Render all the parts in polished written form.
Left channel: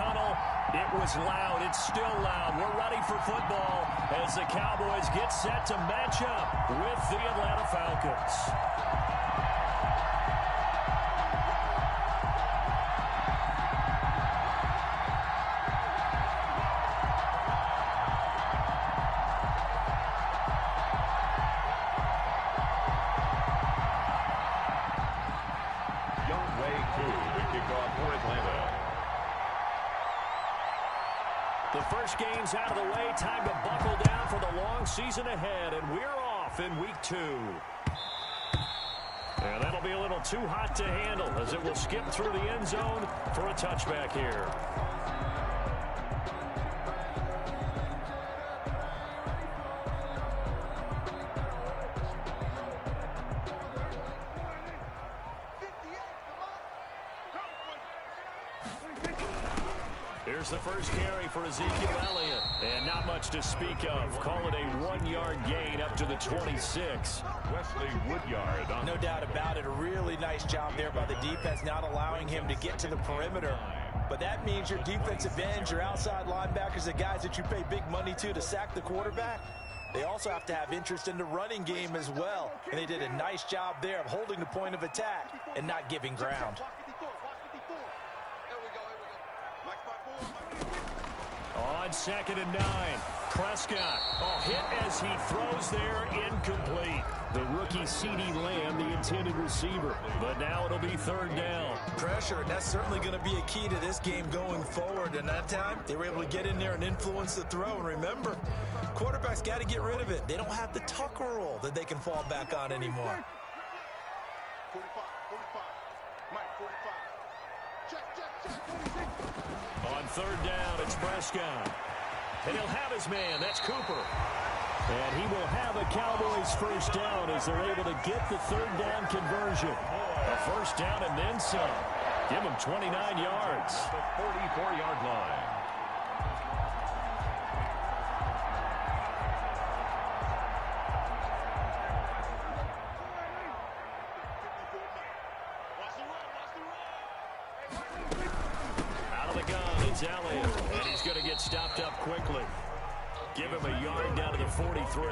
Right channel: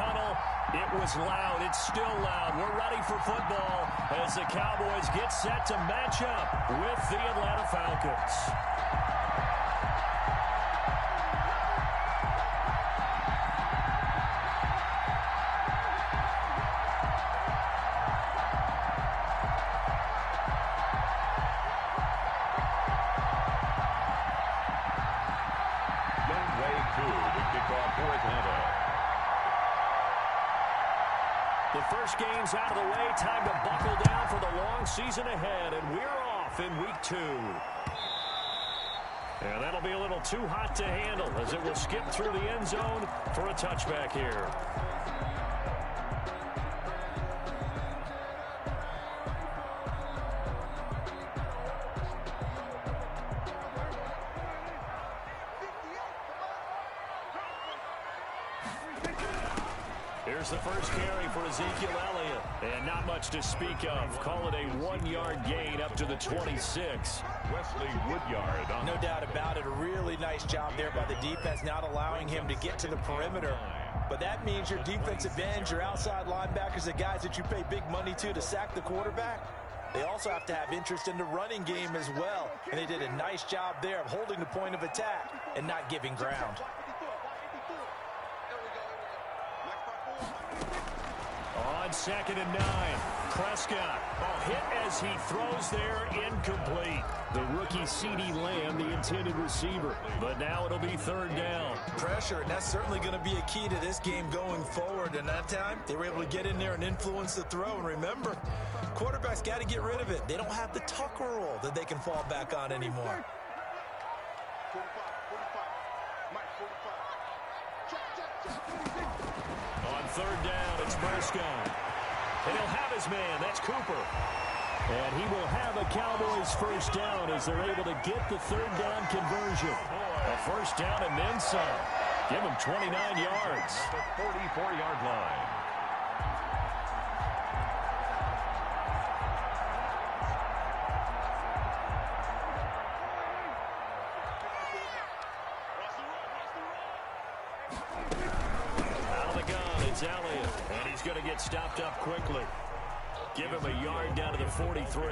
tunnel. It was loud. It's still loud. We're ready for football as the Cowboys get set to match up with the Atlanta Falcons. For Atlanta. The first game's out of the way. Time to buckle down for the long season ahead, and we're off in week 2. And that'll be a little too hot to handle as it will skip through the end zone for a touchback here. Here's the first carry for Ezekiel Elliott. And not much to speak of. Call it a 1-yard gain up to the 26. Wesley Woodyard. No doubt about it. A really nice job there by the defense, not allowing him to get to the perimeter. But that means your defensive ends, your outside linebackers, the guys that you pay big money to sack the quarterback, they also have to have interest in the running game as well. And they did a nice job there of holding the point of attack and not giving ground. On 2nd and 9, Prescott. Hit as he throws there, incomplete. The rookie CeeDee Lamb, the intended receiver. But now it'll be 3rd down. Pressure, and that's certainly going to be a key to this game going forward. And that time, they were able to get in there and influence the throw. And remember, quarterbacks got to get rid of it. They don't have the Tucker roll that they can fall back on anymore. 45, Mike, 45. Check. On 3rd down, it's Prescott. And he'll have his man. That's Cooper. And he will have a Cowboys first down as they're able to get the 3rd down conversion. A first down and then some. Give him 29 yards. The 44-yard line. Elliott, and he's going to get stopped up quickly. Give him a yard down to the 43.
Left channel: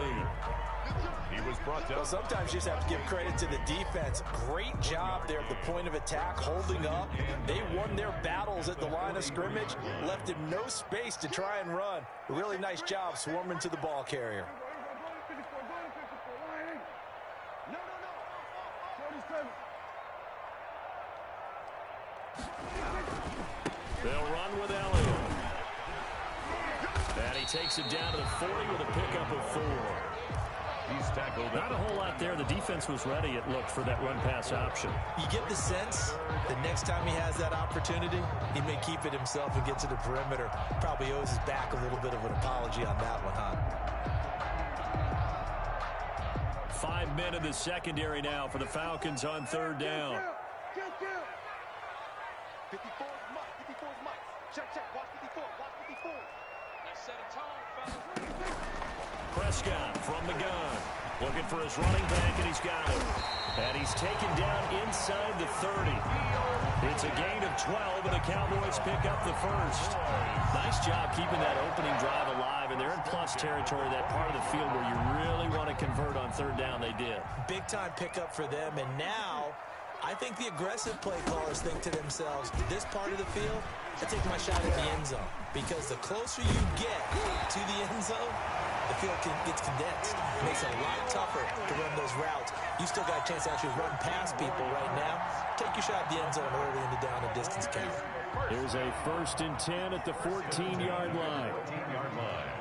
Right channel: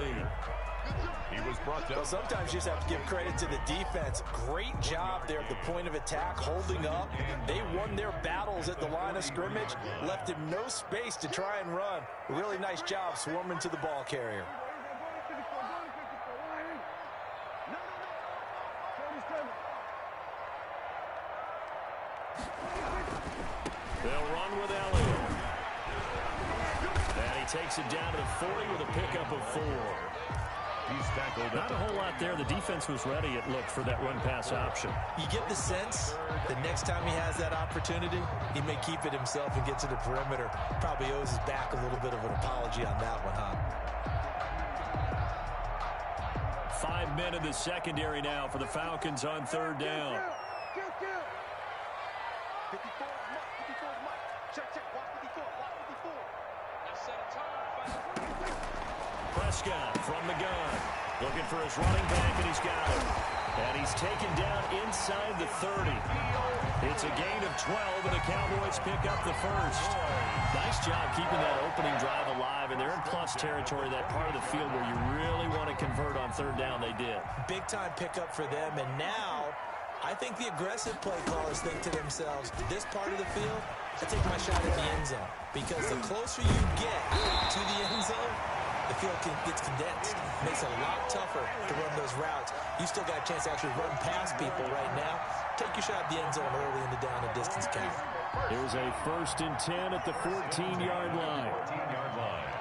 He was brought down. Well, sometimes you just have to give credit to the defense. Great job there at the point of attack, holding up. They won their battles at the line of scrimmage, left him no space to try and run. A really nice job swarming to the ball carrier. They'll run with Elliott. And he takes it down to the 40 with a pickup of 4. He's tackled. Not a whole lot there. The defense was ready, it looked, for that run-pass option. You get the sense the next time he has that opportunity, he may keep it himself and get to the perimeter. Probably owes his back a little bit of an apology on that one, huh? 5 men in the secondary now for the Falcons on 3rd down. 54 is Mike. Check. Watch 54. Let's set a tone, fellas. Prescott from the gun. Looking for his running back, and he's got him. And he's taken down inside the 30. It's a gain of 12, and the Cowboys pick up the first. Nice job keeping that opening drive alive, and they're in plus territory, that part of the field where you really want to convert on 3rd down. They did. Big-time pickup for them, and now I think the aggressive play callers think to themselves, this part of the field, I take my shot at the end zone. Because the closer you get to the end zone, the field gets condensed. Makes it a lot tougher to run those routes. You still got a chance to actually run past people right now. Take your shot at the end zone early in the down and distance count. Here's a 1st and 10 at the 14-yard line. 14-yard line.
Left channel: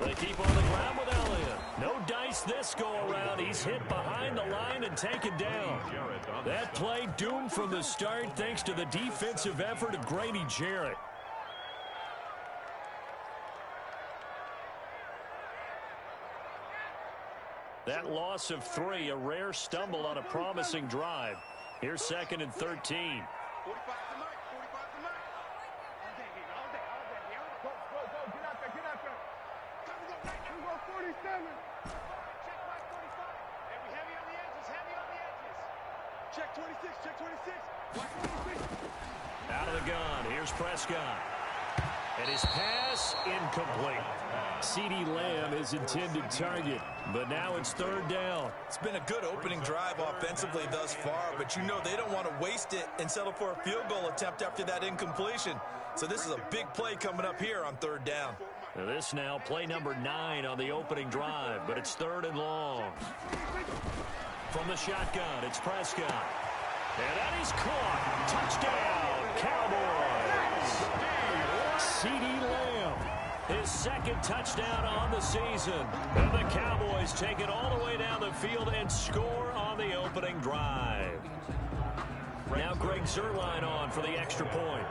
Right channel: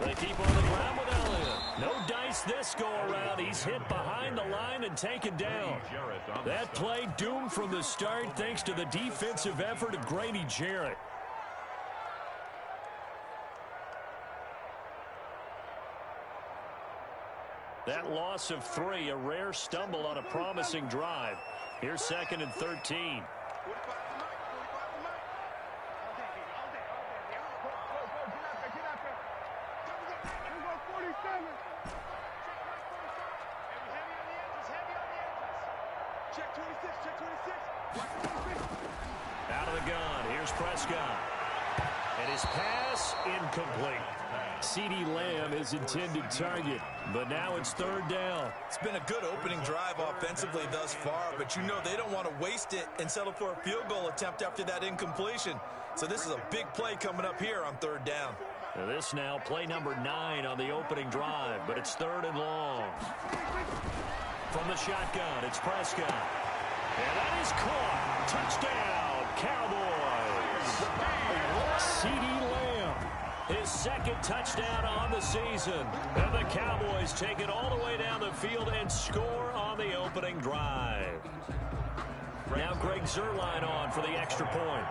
They keep on the ground with Elliott. No dice this go-around. He's hit behind the line and taken down. That play doomed from the start thanks to the defensive effort of Grady Jarrett. That loss of 3, a rare stumble on a promising drive. Here's 2nd and 13. 45 to Mike. All day, baby. All day. Go. Get out there. Come on, right now. We go 47. Check right 45. And we heavy on the edges. Check 26, check 26. Watch 26. Out of the gun, here's Prescott. And his pass incomplete. CeeDee Lamb is intended target, but now it's third down. It's been a good opening drive offensively thus far, but you know they don't want to waste it and settle for a field goal attempt after that incompletion. So this is a big play coming up here on third down. Now this now play number 9 on the opening drive, but it's third and long. From the shotgun, it's Prescott. And that is caught. Touchdown, Cowboys. CeeDee Lamb, his second touchdown on the season. And the Cowboys take it all the way down the field and score on the opening drive. Now Greg Zuerlein on for the extra point.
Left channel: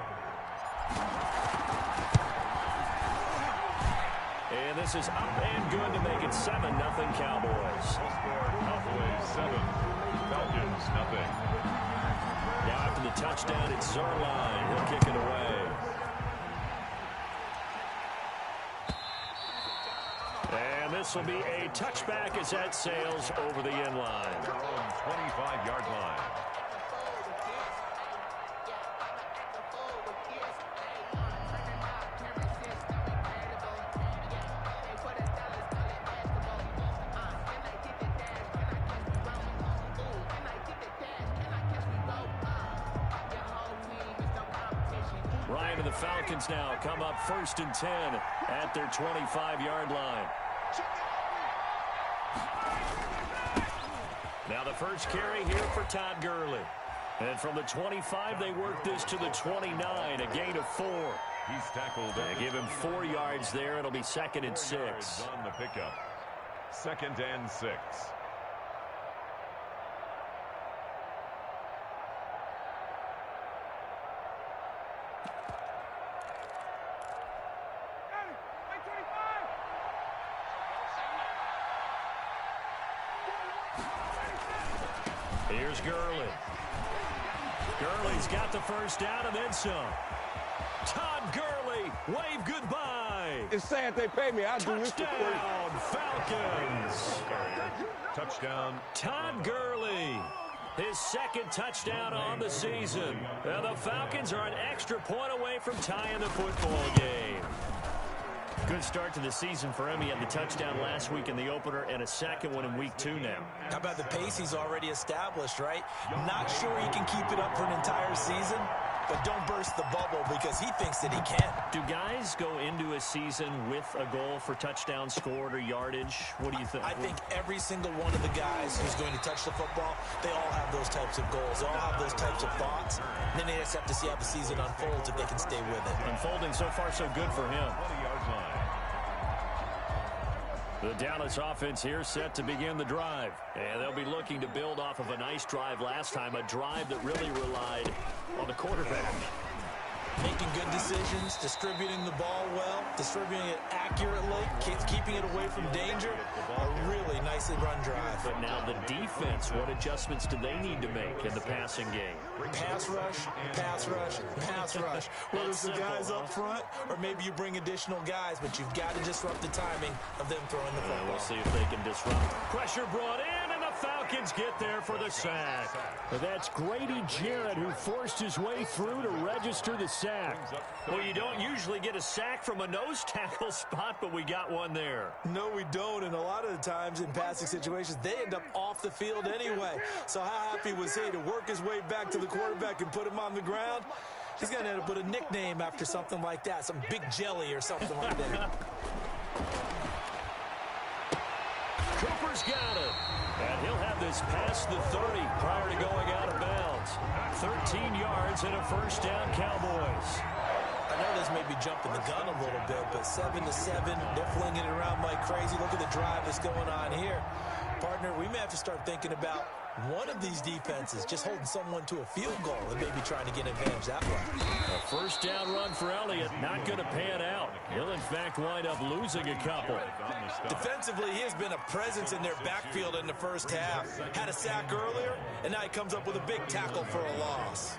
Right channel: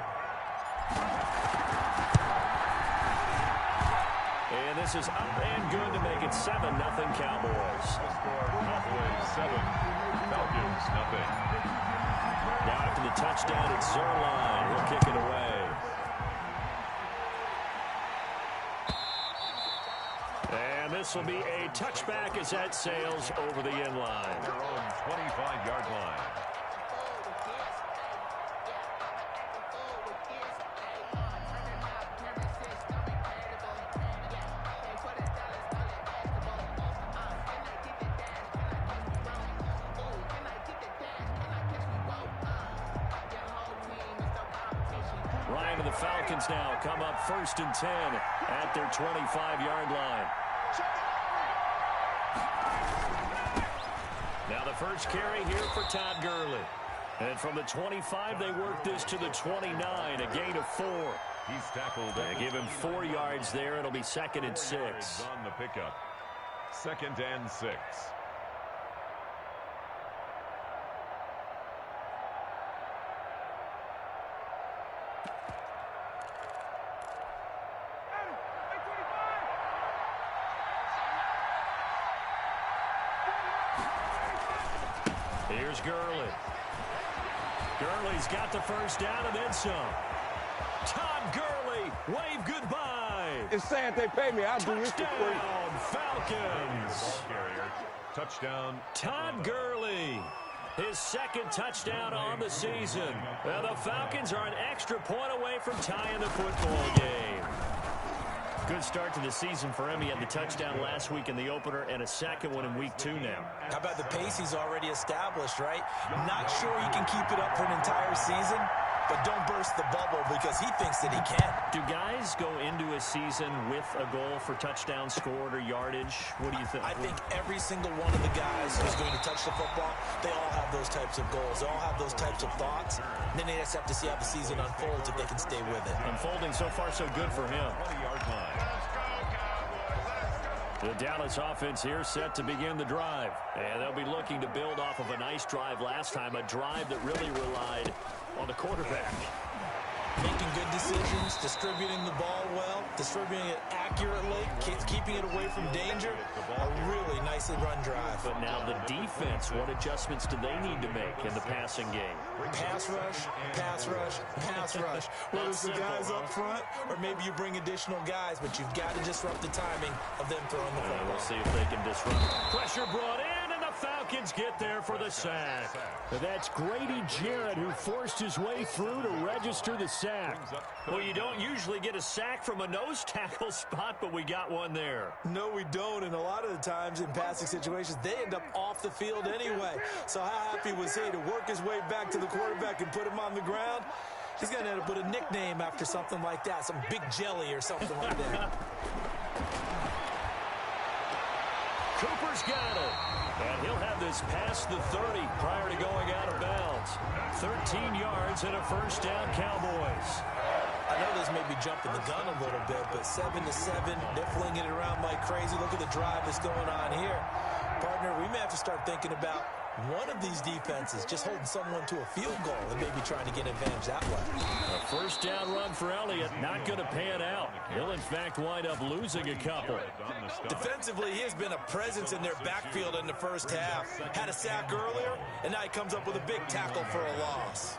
And this is up and good to make it 7-0 Cowboys. Score Cowboys 7, Falcons nothing. Now after the touchdown, it's Zuerlein. He'll kick it away. And this will be a touchback as that sails over the end line. Their own 25-yard line. Ryan and the Falcons now come up 1st and 10 at their 25-yard line. Now the first carry here for Todd Gurley. And from the 25, they work this to the 29, a gain of 4. He's tackled. Give him 4 yards there. It'll be 2nd and 6. 4 yards on the pickup. 2nd and 6. Here's Gurley. Gurley's got the first down and then some. Todd Gurley, wave goodbye. It's sad they pay me. I'll do this for free. Touchdown, Falcons. Touchdown. Todd Gurley, his 2nd touchdown on the season. And the Falcons are an extra point away from tying the football game. Good start to the season for him. He had the touchdown last week in the opener and a second one in week 2 now. How about the pace he's already established, right? Not sure he can keep it up for an entire season, but don't burst the bubble because he thinks that he can. Do guys go into a season with a goal for touchdown scored or yardage? What do you think? I think every single one of the guys who's going to touch the football, they all have those types of goals. They all have those types of thoughts. And then they just have to see how the season unfolds if they can stay with it. Unfolding so far so good for him. 20-yard line. The Dallas offense here set to begin the drive. And they'll be looking to build off of a nice drive last time, a drive that really relied on the quarterback. Making good decisions, distributing the ball well, distributing it accurately, keeping it away from danger. A really nicely run drive. But now the defense, what adjustments do they need to make in the passing game? Pass rush, pass rush, pass rush. Whether it's the guys up front or maybe you bring additional guys, but you've got to disrupt the timing of them throwing the football. We'll see if they can disrupt. Pressure brought in, and the Falcons get there for the sack. That's Grady Jarrett who forced his way through to register the sack. Well, you don't usually get a sack from a nose tackle spot, but we got one there. No, we don't, and a lot of the times in passing situations, they end up off the field anyway. So how happy was he to work his way back to the quarterback and put him on the ground? He's going to end up with a nickname after something like that, some big jelly or something like that. Cooper's got it. And he'll have this past the 30 prior to going out of bounds. 13 yards and a first down, Cowboys. I know this may be jumping the gun a little bit, but 7-7, they're flinging it around like crazy. Look at the drive that's going on here. Partner, we may have to start thinking about one of these defenses just holding someone to a field goal and maybe trying to get an advantage that way. A first down run for Elliott, not going to pan out. He'll, in fact, wind up losing a couple. Defensively, he has been a presence in their backfield in the first half. Had a sack earlier, and now he comes up with a big tackle for a loss.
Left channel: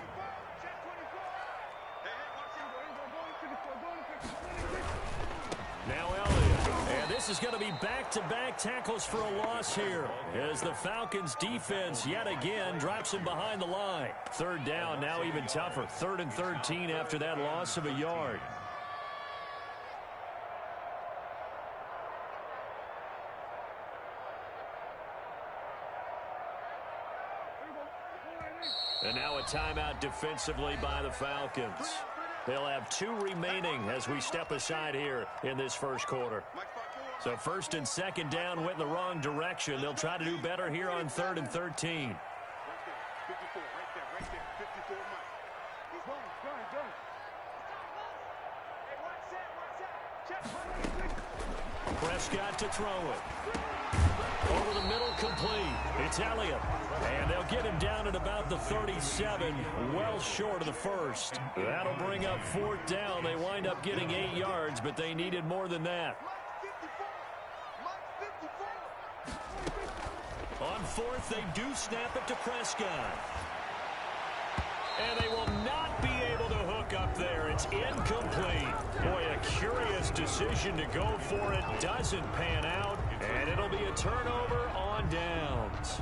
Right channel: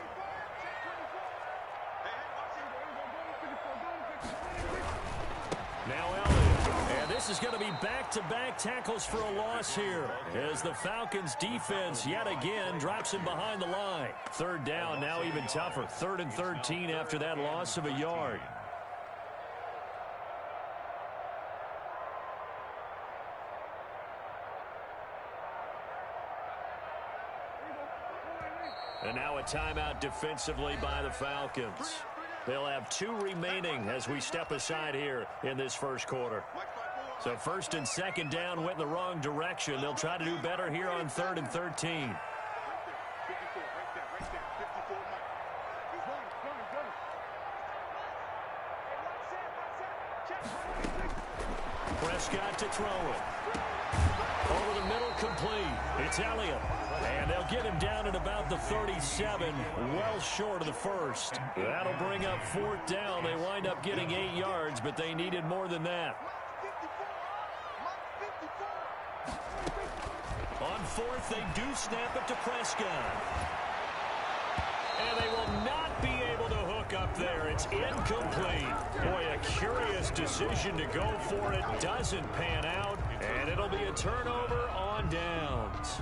Now Elliott, and this is going to be back-to-back tackles for a loss here as the Falcons defense yet again drops him behind the line. Third down, now even tougher. 3rd and 13 after that loss of a yard. And now a timeout defensively by the Falcons. They'll have 2 remaining as we step aside here in this first quarter. So 1st and 2nd down went in the wrong direction. They'll try to do better here on 3rd and 13. Prescott to throw it. Over the middle, complete. It's Elliott. And they'll get him down at about the 37, well short of the first. That'll bring up 4th down. They wind up getting 8 yards, but they needed more than that. On 4th, they do snap it to Prescott. And they will not be able to hook up there. It's incomplete. Boy, a curious decision to go for it. Doesn't pan out. And it'll be a turnover on downs.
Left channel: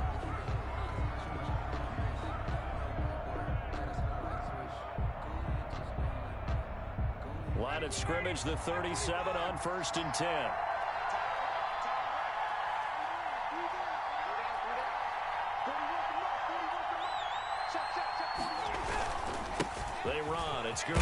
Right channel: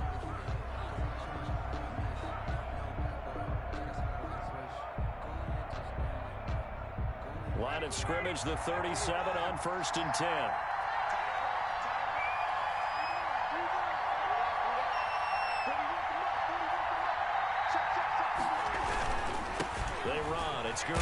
Line of scrimmage, the 37 on 1st and 10. They run. It's Gurley.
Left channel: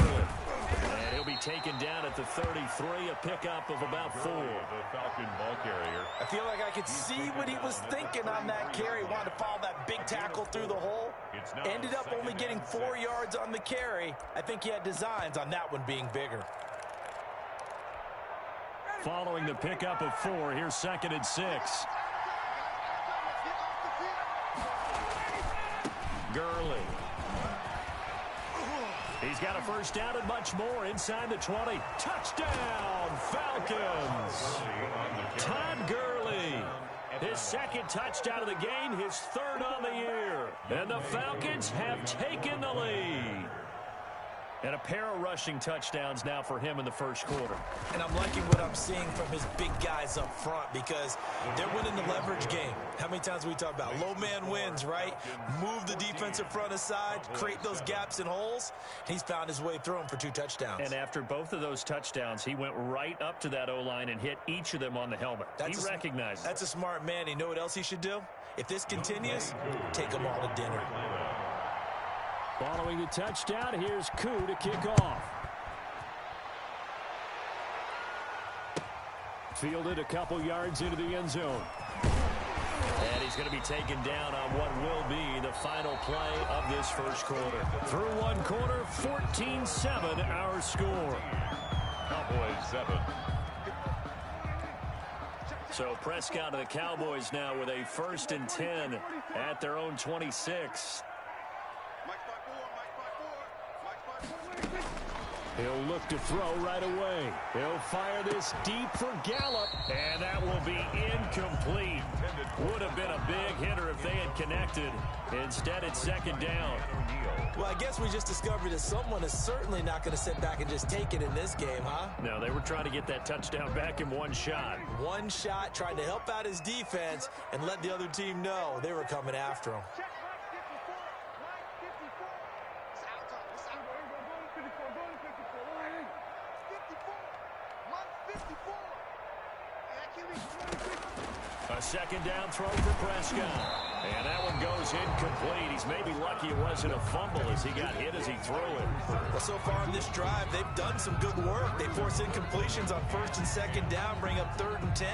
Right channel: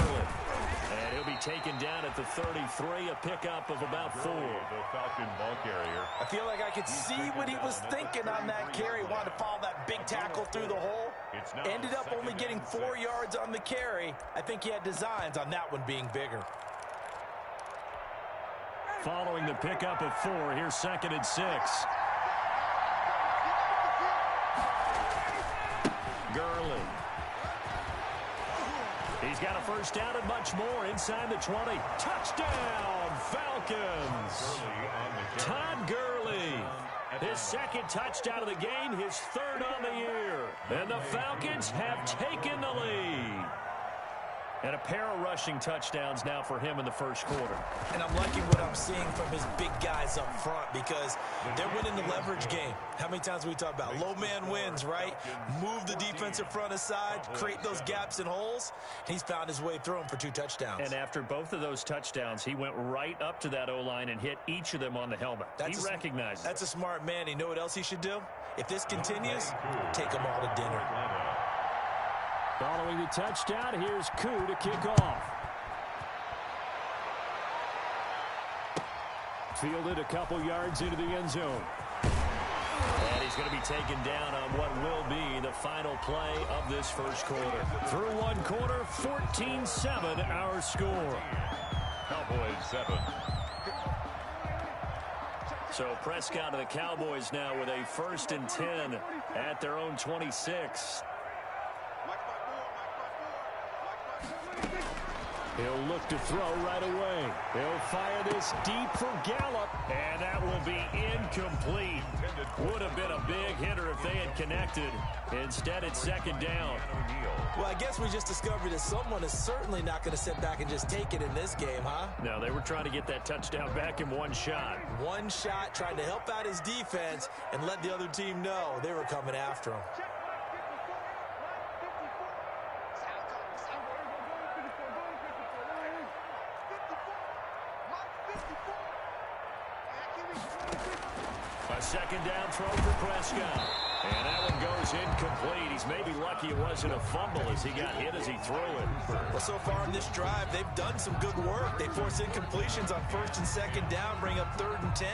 And he'll be taken down at the 33, a pickup of about 4. The Falcon ball carrier. I feel like I could see what he was thinking on that carry. Wanted to follow that big tackle through the hole. Ended up only getting 4 yards on the carry. I think he had designs on that one being bigger. Following the pickup of 4, here's 2nd and 6. Gurley. He's got a first down and much more inside the 20. Touchdown, Falcons. Todd Gurley. His 2nd touchdown of the game, his 3rd on the year. And the Falcons have taken the lead. And a pair of rushing touchdowns now for him in the first quarter. And I'm liking what I'm seeing from his big guys up front because they're winning the leverage game. How many times we talk about low man wins, right? Move the defensive front aside, create those gaps and holes. He's found his way through them for 2 touchdowns. And after both of those touchdowns, he went right up to that O-line and hit each of them on the helmet. He recognized it. That's a smart man. You know what else he should do? If this continues, take them all to dinner. Following the touchdown, here's Koo to kick off. Fielded a couple yards into the end zone. And he's going to be taken down on what will be the final play of this first quarter. Through 1 quarter, 14-7 our score. Cowboys 7. So Prescott of the Cowboys now with a 1st and 10 at their own 26. He'll look to throw right away. He'll fire this deep for Gallup, and that will be incomplete. Would have been a big hitter if they had connected. Instead, it's 2nd down. Well, I guess we just discovered that someone is certainly not going to sit back and just take it in this game, huh? No, they were trying to get that touchdown back in 1 shot. 1 shot, trying to help out his defense and let the other team know they were coming after him. A 2nd down throw for Prescott. And that one goes incomplete. He's maybe lucky it wasn't a fumble as he got hit as he threw it. Well, so far in this drive, they've done some good work. They force incompletions on 1st and 2nd down, bring up 3rd and 10.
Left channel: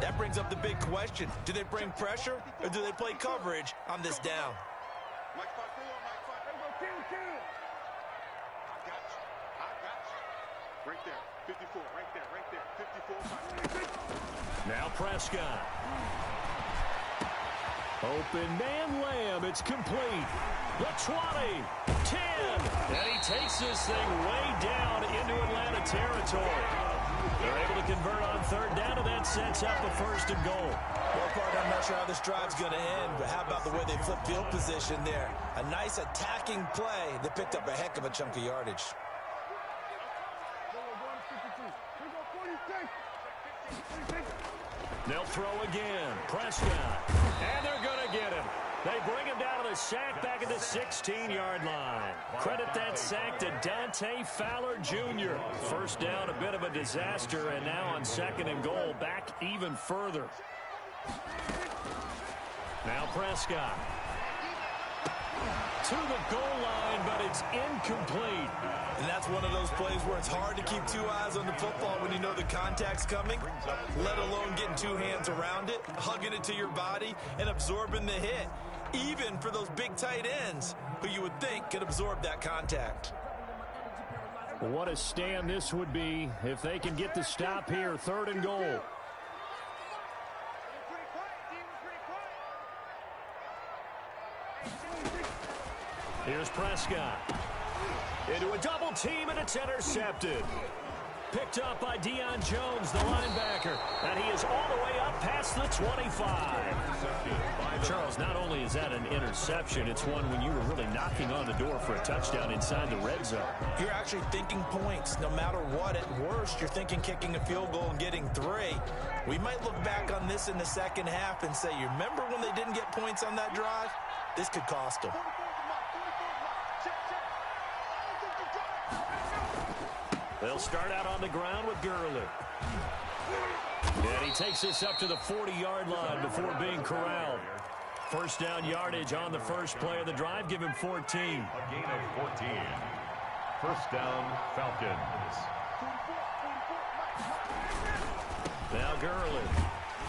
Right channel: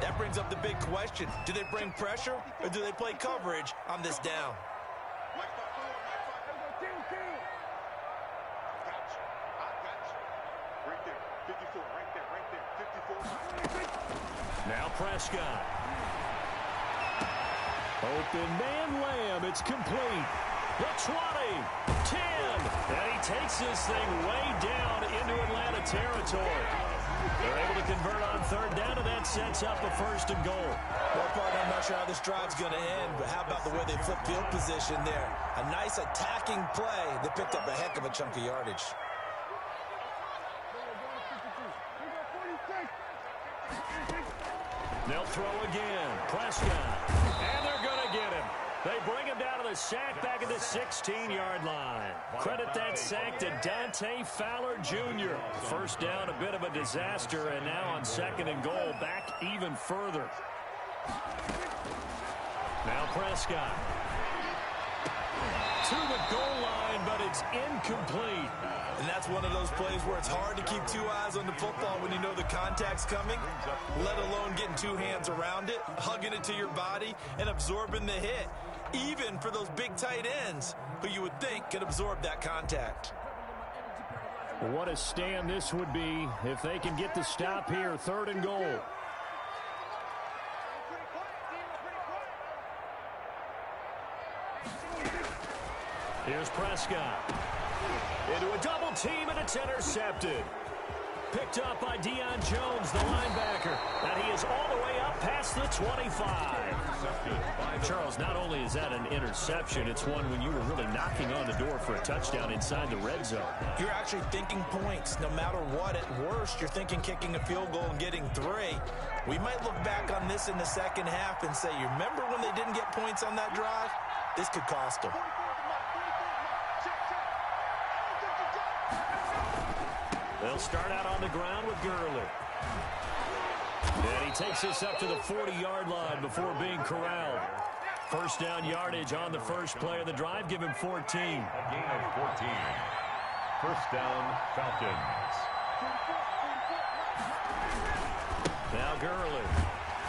That brings up the big question. Do they bring pressure or do they play coverage on this down? Right there, 54, right there, 54. Now Prescott. Open man Lamb. It's complete. The 20, 10. And he takes this thing way down into Atlanta territory. They're able to convert on 3rd down, and that sets up a 1st and goal. Well, partner, I'm not sure how this drive's going to end, but how about the way they flip field position there? A nice attacking play. They picked up a heck of a chunk of yardage. They'll throw again. Prescott. And they're going to get him. They bring him down to the sack back at the 16-yard line. Credit that sack to Dante Fowler Jr. First down, a bit of a disaster, and now on 2nd and goal, back even further. Now Prescott. To the goal line, but it's incomplete. And that's one of those plays where it's hard to keep two eyes on the football when you know the contact's coming, let alone getting two hands around it, hugging it to your body, and absorbing the hit, even for those big tight ends who you would think could absorb that contact. What a stand this would be if they can get the stop here, 3rd and goal. Here's Prescott. Into a double team, and it's intercepted. Picked up by Deion Jones, the linebacker. And he is all the way up past the 25. Charles, not only is that an interception, it's one when you were really knocking on the door for a touchdown inside the red zone. You're actually thinking points. No matter what, at worst, you're thinking kicking a field goal and getting 3. We might look back on this in the second half and say, you remember when they didn't get points on that drive? This could cost them. They'll start out on the ground with Gurley. And he takes this up to the 40-yard line before being corralled. First down yardage on the first play of the drive. Give him 14. A gain of 14. First down, Falcons. Now Gurley.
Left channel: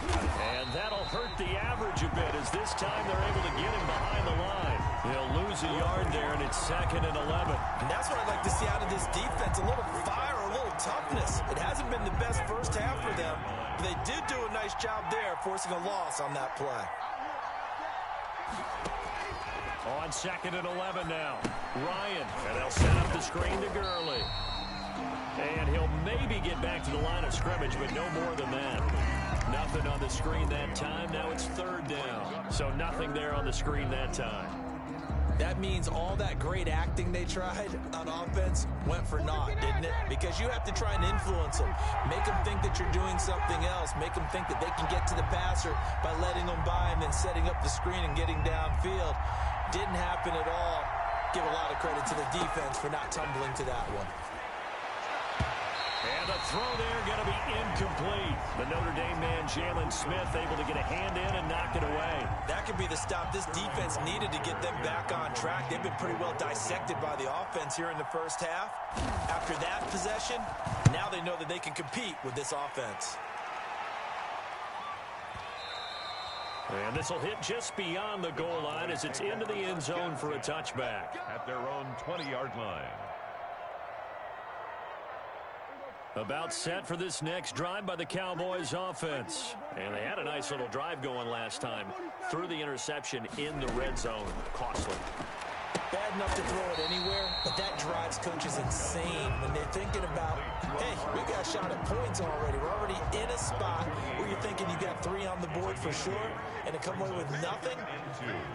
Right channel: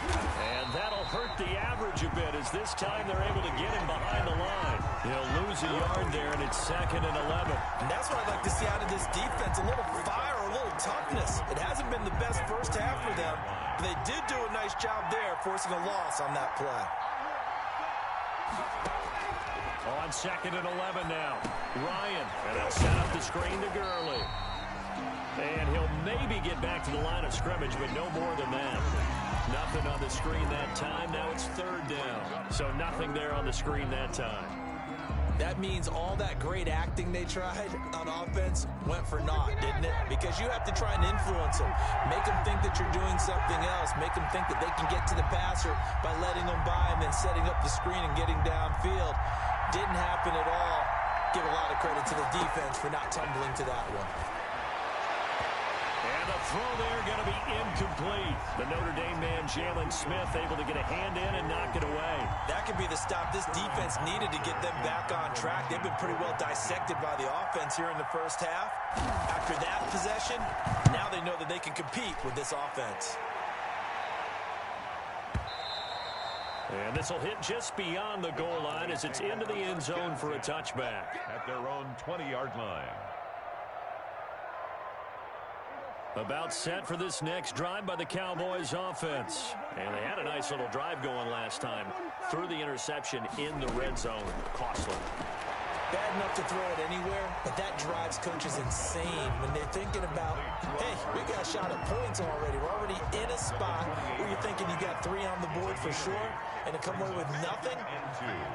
And that'll hurt the average a bit as this time they're able to get him behind the line. He'll lose a yard there, and it's 2nd and 11. And that's what I'd like to see out of this defense, a little fire, a little toughness. It hasn't been the best first half for them, but they did do a nice job there, forcing a loss on that play. On 2nd and 11 now. Ryan, and they'll set up the screen to Gurley. And he'll maybe get back to the line of scrimmage, but no more than that. Nothing on the screen that time. Now it's 3rd down. So nothing there on the screen that time. That means all that great acting they tried on offense went for naught, didn't it? Because you have to try and influence them. Make them think that you're doing something else. Make them think that they can get to the passer by letting them by and then setting up the screen and getting downfield. Didn't happen at all. Give a lot of credit to the defense for not tumbling to that one. And the throw there going to be incomplete. The Notre Dame man, Jalen Smith, able to get a hand in and knock it away. That could be the stop this defense needed to get them back on track. They've been pretty well dissected by the offense here in the first half. After that possession, now they know that they can compete with this offense. And this will hit just beyond the goal line as it's into the end zone for a touchback. At their own 20-yard line. About set for this next drive by the Cowboys offense. And they had a nice little drive going last time. Threw the interception in the red zone. Costly. Bad enough to throw it anywhere, but that drives coaches insane when they're thinking about, hey, we got a shot at points already. We're already in a spot where you're thinking you got 3 on the board for sure, and to come away with nothing,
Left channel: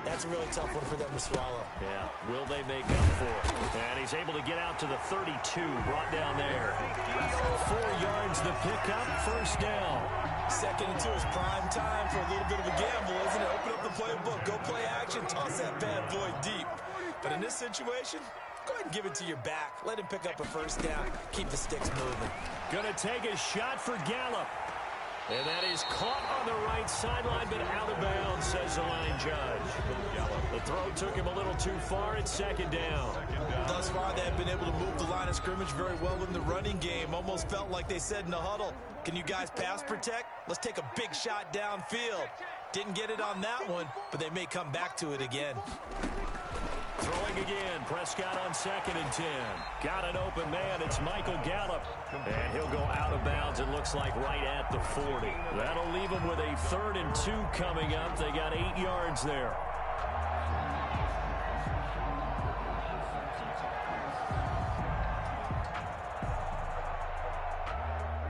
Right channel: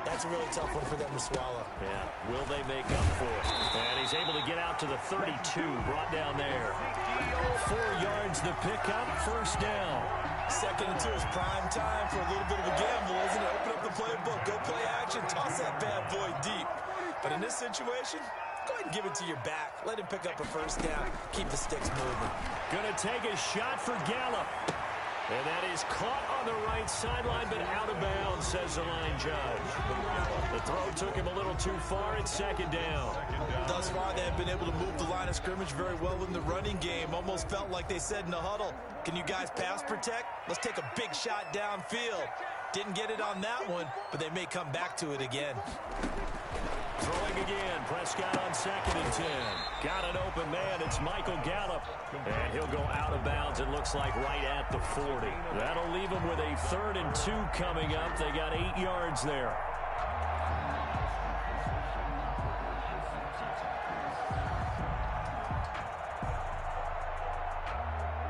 that's a really tough one for them to swallow. Yeah, will they make up for it? And he's able to get out to the 32, brought down there. 4 yards the pickup, first down. 2nd and 2 is prime time for a little bit of a gamble, isn't it? Open up the playbook, go play action, toss that bad boy deep. But in this situation, go ahead and give it to your back. Let him pick up a first down. Keep the sticks moving. Gonna take a shot for Gallup. And that is caught on the right sideline, but out of bounds, says the line judge. The throw took him a little too far. It's 2nd down. Thus far, they have been able to move the line of scrimmage very well in the running game. Almost felt like they said in the huddle, can you guys pass protect? Let's take a big shot downfield. Didn't get it on that one, but they may come back to it again. Throwing again, Prescott on 2nd and 10. Got an open man, it's Michael Gallup. And he'll go out of bounds, it looks like right at the 40. That'll leave them with a 3rd and 2 coming up. They got 8 yards there.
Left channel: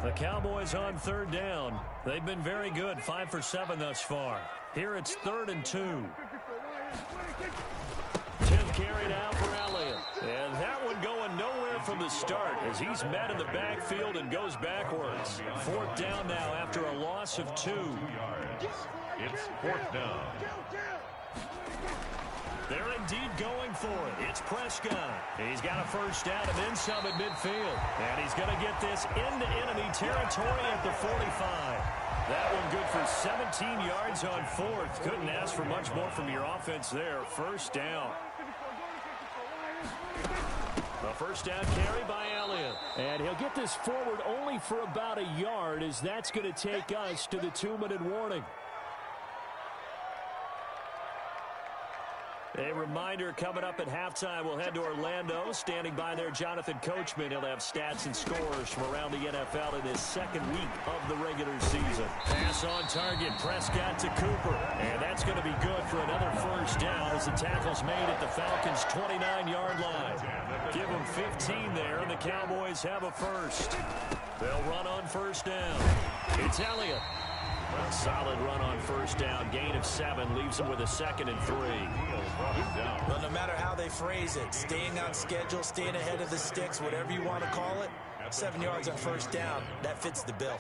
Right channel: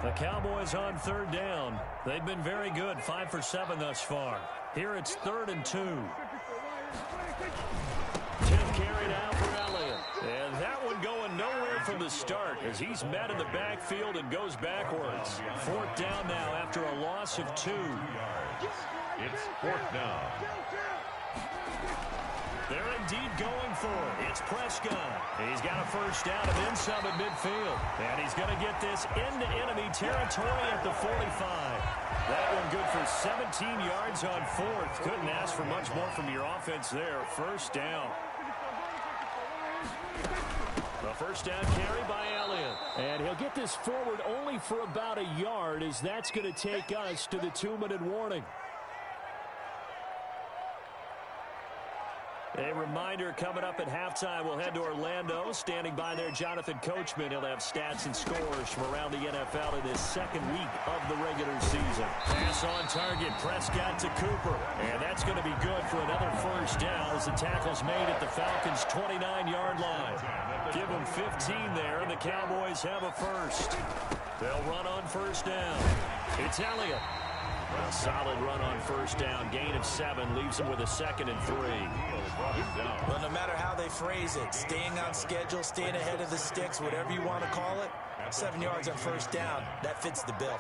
The Cowboys on 3rd down. They've been very good, 5 for 7 thus far. Here it's 3rd and 2. Carried out for Elliott. And that one going nowhere from the start as he's met in the backfield and goes backwards. 4th down now after a loss of 2. 2 yards. It's 4th down. They're indeed going for it. It's Prescott. He's got a 1st down and then some at midfield. And he's going to get this into enemy territory at the 45. That one good for 17 yards on 4th. Couldn't ask for much more from your offense there. 1st down. The 1st down carry by Elliott. And he'll get this forward only for about a yard, as that's going to take us to the 2-minute warning. A reminder, coming up at halftime, we'll head to Orlando. Standing by there, Jonathan Coachman. He'll have stats and scores from around the NFL in this 2nd week of the regular season. Pass on target, Prescott to Cooper. And that's going to be good for another 1st down as the tackle's made at the Falcons' 29-yard line. Give them 15 there, and the Cowboys have a 1st. They'll run on 1st down. It's Elliott. A solid run on 1st down. Gain of 7 leaves him with a 2nd and 3. Well, no matter how they phrase it, staying on schedule, staying ahead of the sticks, whatever you want to call it, 7 yards on 1st down, that fits the bill.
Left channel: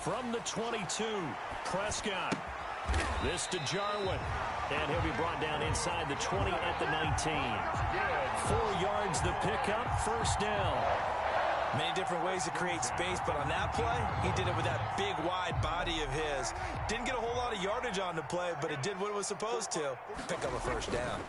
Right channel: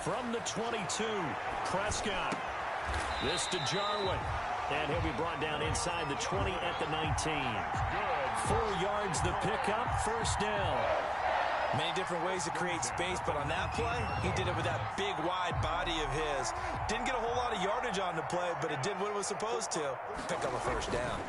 From the 22, Prescott. This to Jarwin. And he'll be brought down inside the 20 at the 19. 4 yards the pickup, 1st down. Many different ways to create space, but on that play, he did it with that big, wide body of his. Didn't get a whole lot of yardage on the play, but it did what it was supposed to. Pick up a 1st down.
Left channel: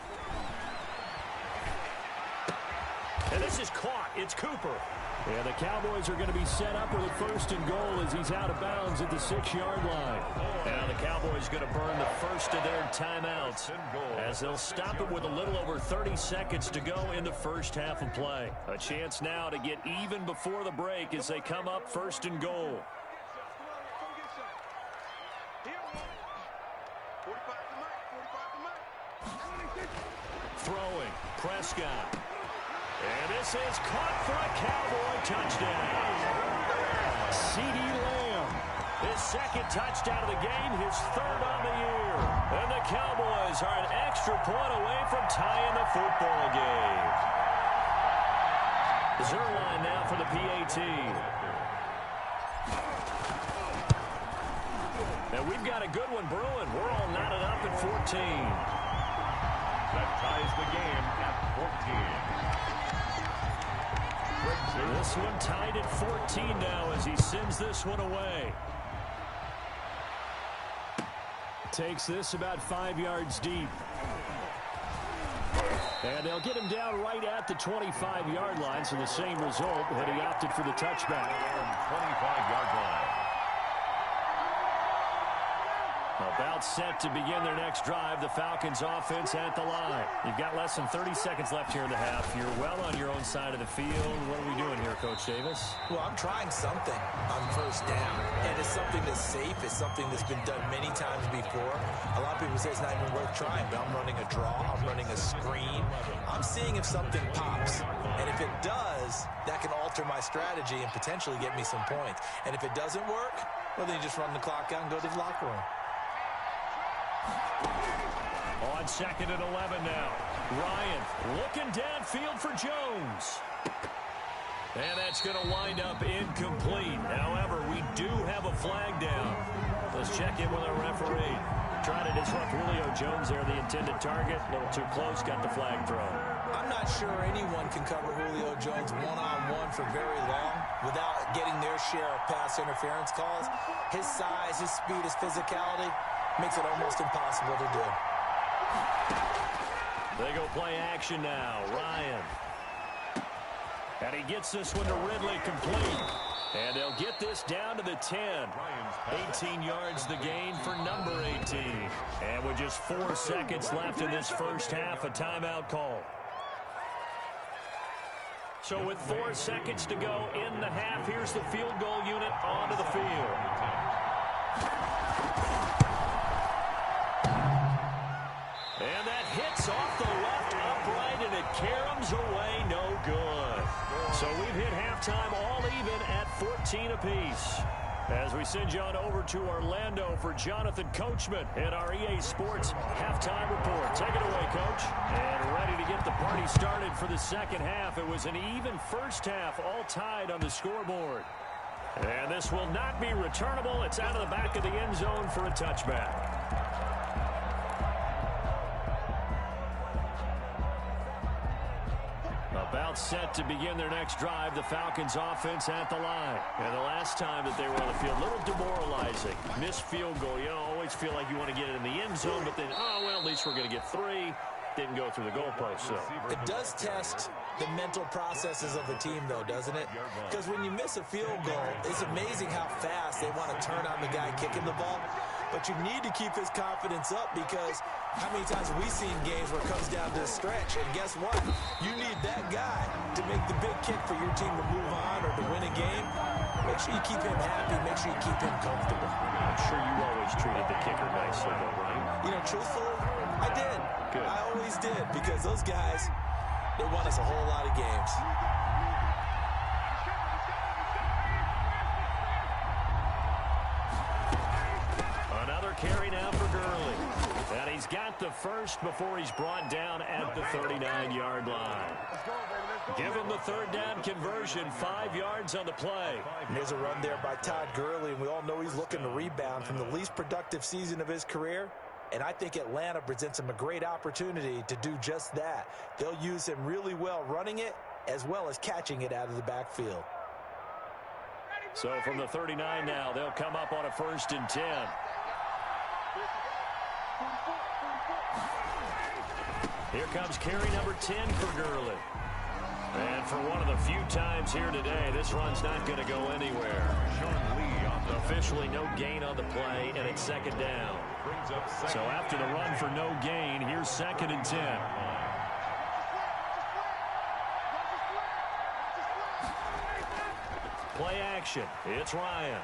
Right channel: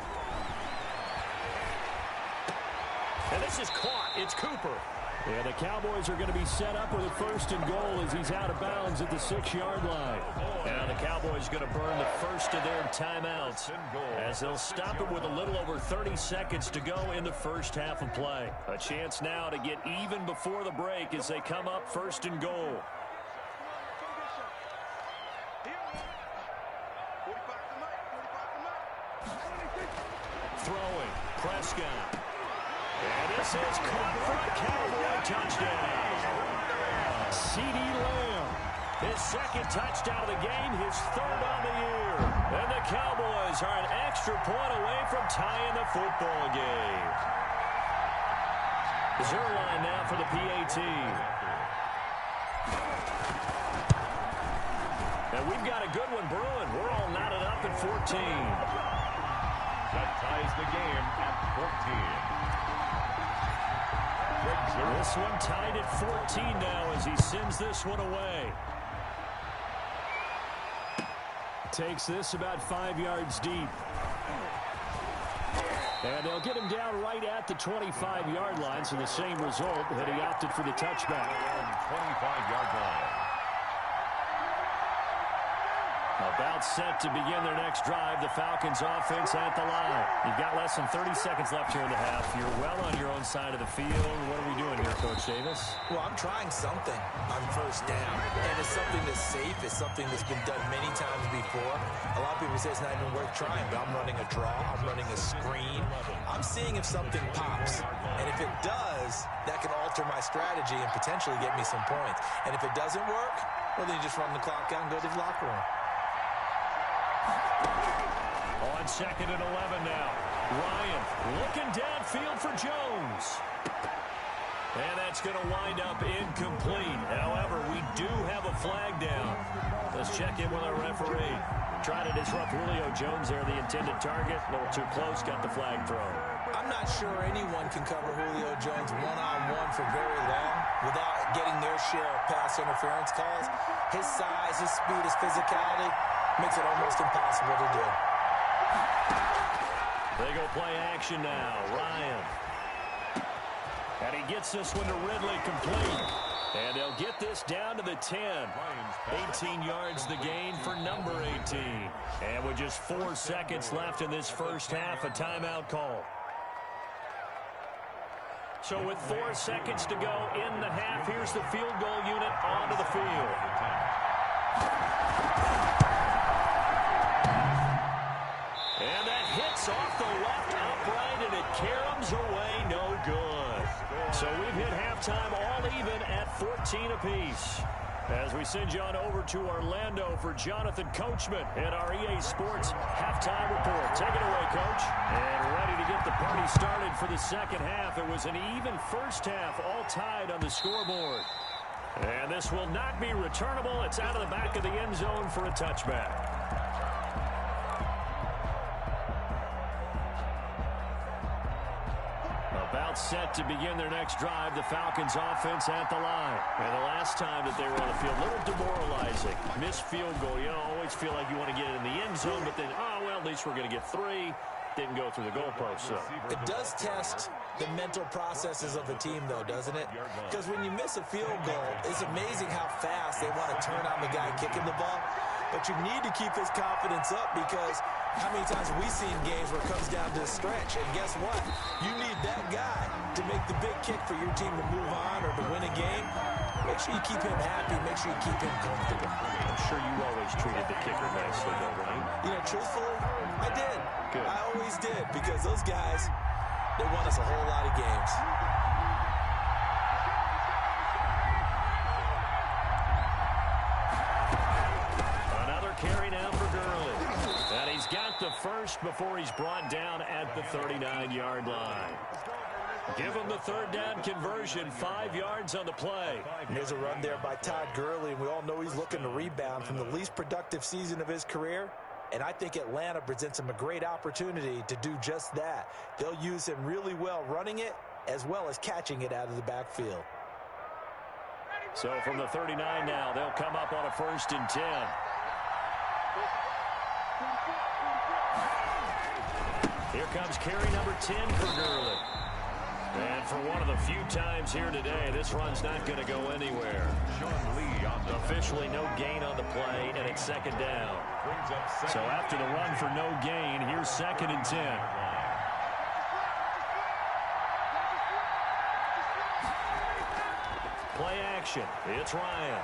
And this is caught. It's Cooper. And the Cowboys are going to be set up with a 1st and goal as he's out of bounds at the 6-yard line. Now the Cowboys going to burn the first of their timeouts as they'll stop it with a little over 30 seconds to go in the 1st half of play. A chance now to get even before the break as they come up 1st and goal. Throwing, Prescott. And this is caught for a Cowboy touchdown. CeeDee Lamb, his 2nd touchdown of the game, his 3rd on the year. And the Cowboys are an extra point away from tying the football game. Zerline now for the PAT. And we've got a good one brewing. We're all knotted up at 14. That ties the game at 14. This one tied at 14 now as he sends this one away. Takes this about 5 yards deep. And they'll get him down right at the 25-yard line, so the same result, and he opted for the touchback. 25-yard line. About set to begin their next drive. The Falcons offense at the line. You've got less than 30 seconds left here in the half. You're well on your own side of the field. What are we doing here, Coach Davis? Well, I'm trying something on 1st down. And it's something that's safe. It's something that's been done many times before. A lot of people say it's not even worth trying, but I'm running a draw. I'm running a screen. I'm seeing if something pops. And if it does, that can alter my strategy and potentially get me some points. And if it doesn't work, well, then you just run the clock out and go to the locker room. On 2nd and 11 now. Ryan looking downfield for Jones. And that's going to wind up incomplete. However, we do have a flag down. Let's check in with our referee. Trying to disrupt Julio Jones there, the intended target. A little too close, got the flag thrown. I'm not sure anyone can cover Julio Jones one-on-one for very long without getting their share of pass interference calls. His size, his speed, his physicality makes it almost impossible to do. They go play action now. Ryan. And he gets this one to Ridley complete. And they'll get this down to the 10. 18 yards the gain for number 18. And with just 4 seconds left in this 1st half, a timeout call. So with 4 seconds to go in the half, here's the field goal unit onto the field. And that hits off the left upright, and it caroms away no good. So we've hit halftime all even at 14 apiece. As we send you on over to Orlando for Jonathan Coachman in our EA Sports halftime report. Take it away, Coach. And ready to get the party started for the second half. It was an even first half, all tied on the scoreboard. And this will not be returnable. It's out of the back of the end zone for a touchback. About set to begin their next drive, the Falcons offense at the line. And the last time that they were on the field, a little demoralizing. Missed field goal. You always feel like you want to get it in the end zone, but then, oh, well, at least we're going to get 3. Didn't go through the goalpost, so. It does test the mental processes of a team, though, doesn't it? Because when you miss a field goal, it's amazing how fast they want to turn on the guy kicking the ball. But you need to keep his confidence up, because how many times have we seen games where it comes down to a stretch, and guess what? You need that guy to make the big kick for your team to move on or to win a game. Make sure you keep him happy. Make sure you keep him comfortable. I'm sure you always treated the kicker nicely, though, right? You know, truthfully, I did. Good. I always did, because those guys, they won us a whole lot of games. Another carry now for Gurley. And he's got the first before he's brought down at the 39-yard line. Give him the third down conversion, 5 yards on the play. And there's a run there by Todd Gurley, and we all know he's looking to rebound from the least productive season of his career. And I think Atlanta presents him a great opportunity to do just that. They'll use him really well running it as well as catching it out of the backfield. So from the 39 now, they'll come up on a 1st and 10. Here comes carry number 10 for Gurley. And for one of the few times here today, this run's not going to go anywhere. Officially no gain on the play, and it's 2nd down. So after the run for no gain, here's 2nd and 10. Play action. It's Ryan.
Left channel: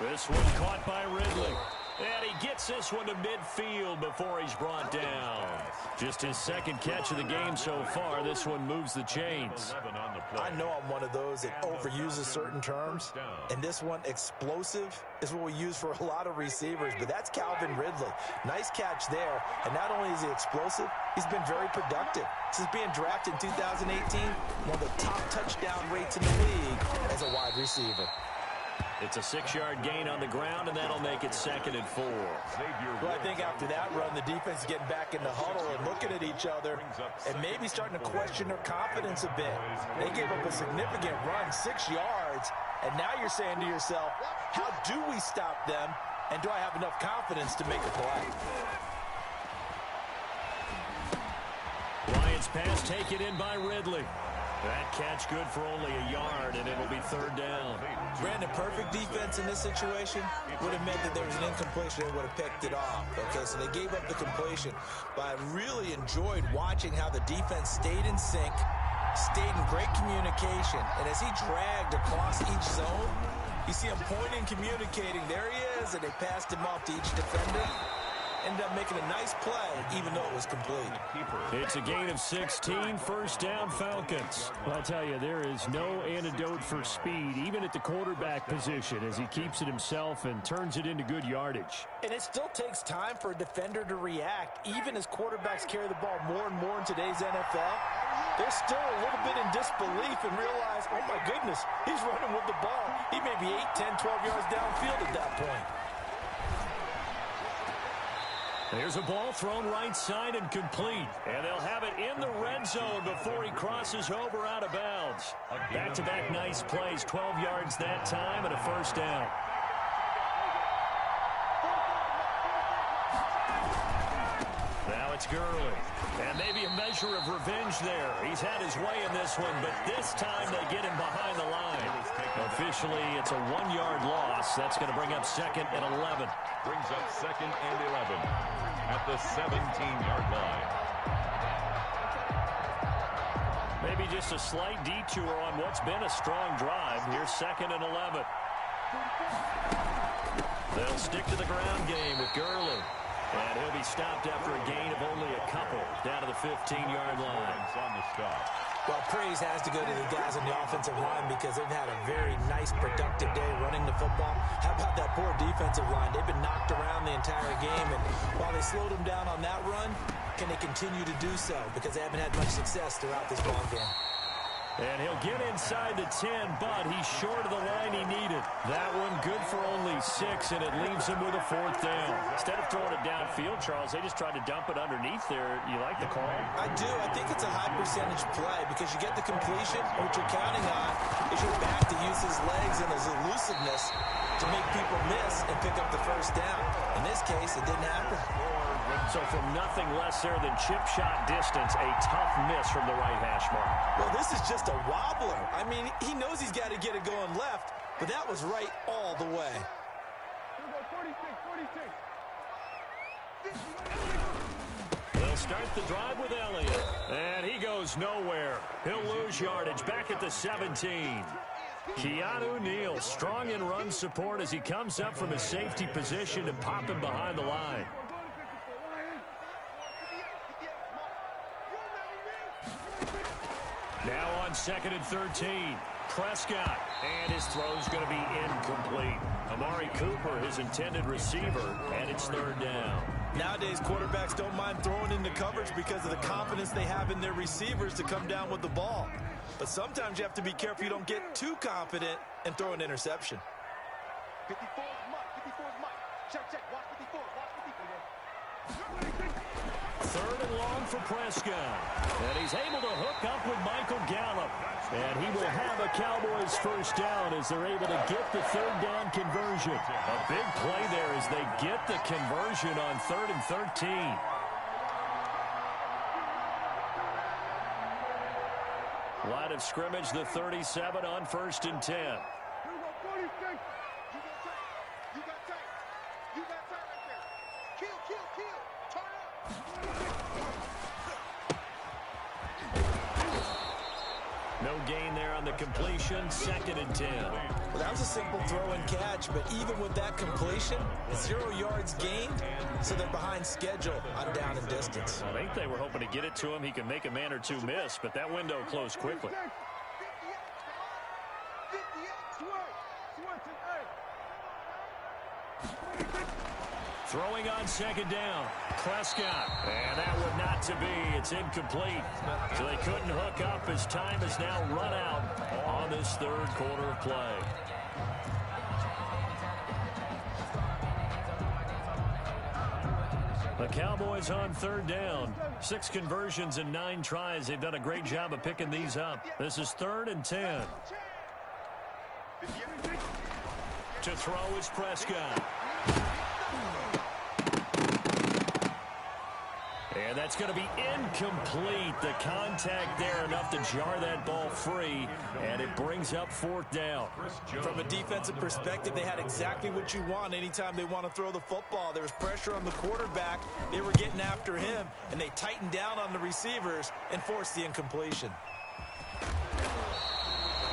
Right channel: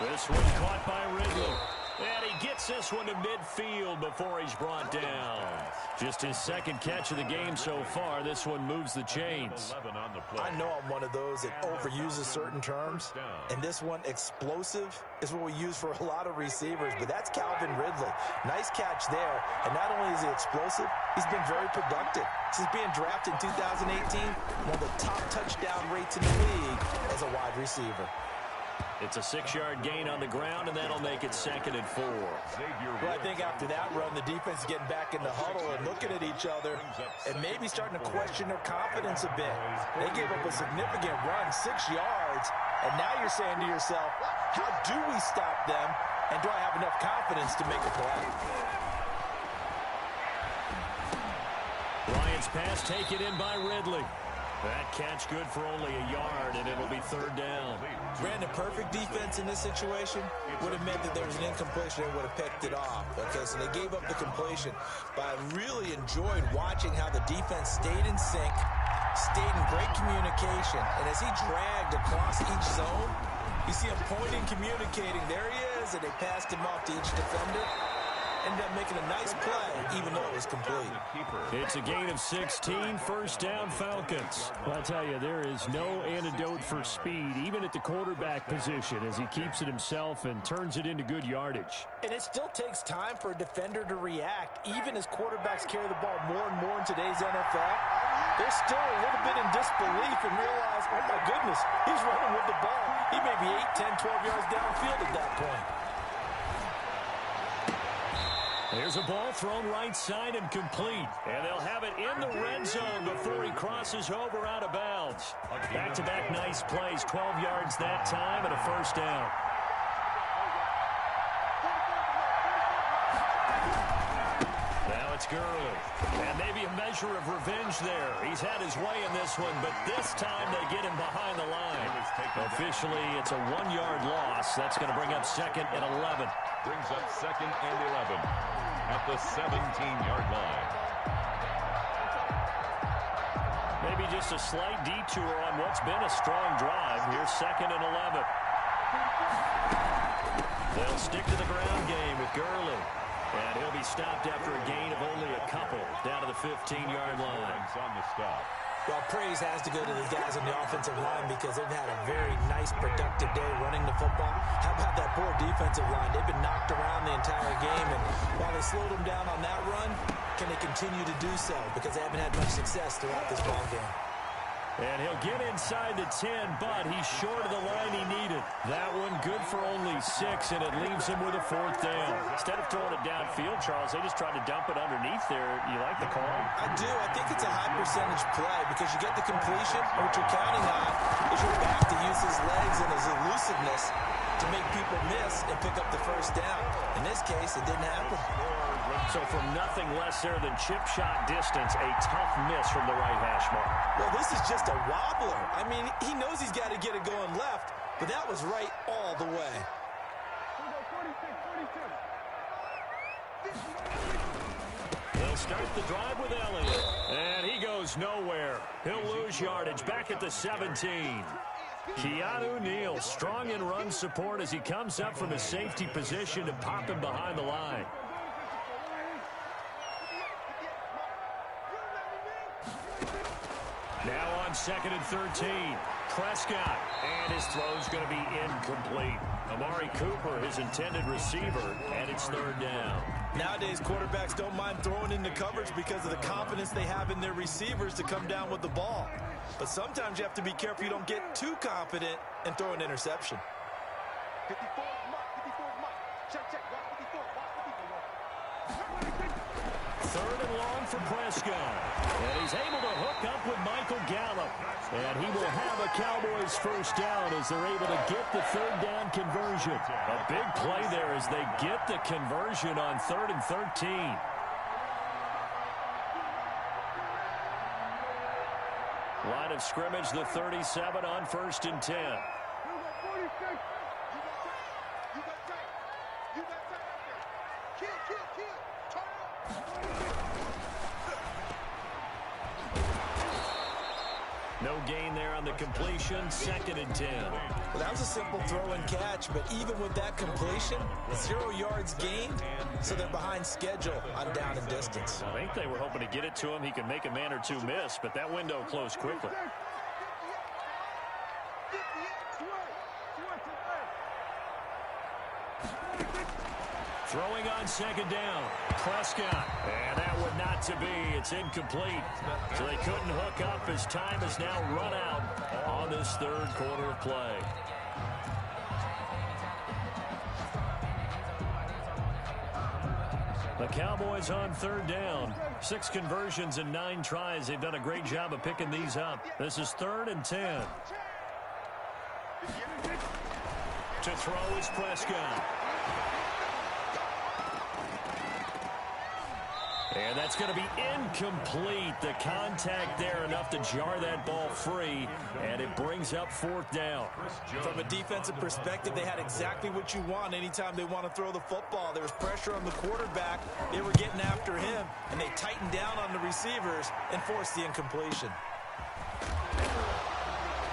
This one caught by Ridley. And he gets this one to midfield before he's brought down. Just his 2nd catch of the game so far. This one moves the chains. I know I'm one of those that overuses certain terms. And this one, explosive, is what we use for a lot of receivers. But that's Calvin Ridley. Nice catch there. And not only is he explosive, he's been very productive. Since being drafted in 2018, one of the top touchdown rates in the league as a wide receiver. It's a 6-yard gain on the ground, and that'll make it 2nd and 4. Well, I think after that run, the defense is getting back in the huddle and looking at each other and maybe starting to question their confidence a bit. They gave up a significant run, 6 yards, and now you're saying to yourself, how do we stop them, and do I have enough confidence to make a play? Ryan's pass taken in by Ridley. That catch good for only a yard, and it'll be 3rd down. Brandon, perfect defense in this situation would have meant that there was an incompletion. They would have picked it off. Okay, so they gave up the completion. But I really enjoyed watching how the defense stayed in sync, stayed in great communication. And as he dragged across each zone, you see him pointing, communicating. There he is, and they passed him off to each defender. Ended up making a nice play, even though it was complete. It's a gain of 16, 1st down Falcons. Well, I tell you, there is no antidote for speed, even at the quarterback position, as he keeps it himself and turns it into good yardage. And it still takes time for a defender to react, even as quarterbacks carry the ball more and more in today's NFL. They're still a little bit in disbelief and realize, oh my goodness, he's running with the ball. He may be 8, 10, 12 yards downfield at that point. There's a ball thrown right side and complete. And they'll have it in the red zone before he crosses over out of bounds. Back-to-back nice plays, 12 yards that time and a 1st down. Now it's Gurley. And maybe a measure of revenge there. He's had his way in this one, but this time they get him behind the line. Officially, it's a 1-yard loss. That's going to bring up 2nd and 11. Brings up 2nd and 11 at the 17-yard line. Maybe just a slight detour on what's been a strong drive. Here's 2nd and 11. They'll stick to the ground game with Gurley. And he'll be stopped after a gain of only a couple down to the 15-yard line. On the stop. Well, praise has to go to the guys on the offensive line because they've had a very nice, productive day running the football. How about that poor defensive line? They've been knocked around the entire game, and while they slowed them down on that run, can they continue to do so? Because they haven't had much success throughout this ball game. And he'll get inside the 10, but he's short of the line he needed. That one good for only 6, and it leaves him with a 4th down. Instead of throwing it downfield, Charles, they just tried to dump it underneath there. You like the call? I do. I think it's a high-percentage play because you get the completion, and what you're counting on is your back to use his legs and his elusiveness to make people miss and pick up the 1st down. In this case, it didn't happen. So from nothing less there than chip shot distance, a tough miss from the right hash mark. Well, this is just a wobbler. I mean, he knows he's got to get it going left, but that was right all the way. 46. They'll start the drive with Elliott, and he goes nowhere. He'll lose yardage back at the 17. Keanu Neal, strong in run support as he comes up from his safety position and pop him behind the line. Now on 2nd and 13. Prescott, and his throw's going to be incomplete. Amari Cooper, his intended receiver, and it's 3rd down. Nowadays, quarterbacks don't mind throwing into coverage because of the confidence they have in their receivers to come down with the ball. But sometimes you have to be careful you don't get too confident and throw an interception. 54 is Mike. 54 is Mike. Check. Watch 54. Watch 54. 3rd and long for Prescott. And he's able to hook up with Michael Gallup. And he will have a Cowboys 1st down as they're able to get the 3rd down conversion. A big play there as they get the conversion on 3rd and 13. Line of scrimmage, the 37 on 1st and 10. You got 46. You got tight. You got tight right there. Kill. Turn up. No gain there on the completion. 2nd and 10. Well, that was a simple throw and catch, but even with that completion, 0 yards gained, so they're behind schedule on down and distance. I think they were hoping to get it to him. He could make a man or two miss, but that window closed quickly. 58. Throwing on 2nd down. Prescott. And that would not to be. It's incomplete. So they couldn't hook up as time has now run out on this 3rd quarter of play. The Cowboys on 3rd down. 6 conversions and 9 tries. They've done a great job of picking these up. This is 3rd and 10. To throw is Prescott. And that's going to be incomplete. The contact there enough to jar that ball free, and it brings up 4th down. From a defensive perspective, they had exactly what you want anytime they want to throw the football. There was pressure on the quarterback. They were getting after him, and they tightened down on the receivers and forced the incompletion.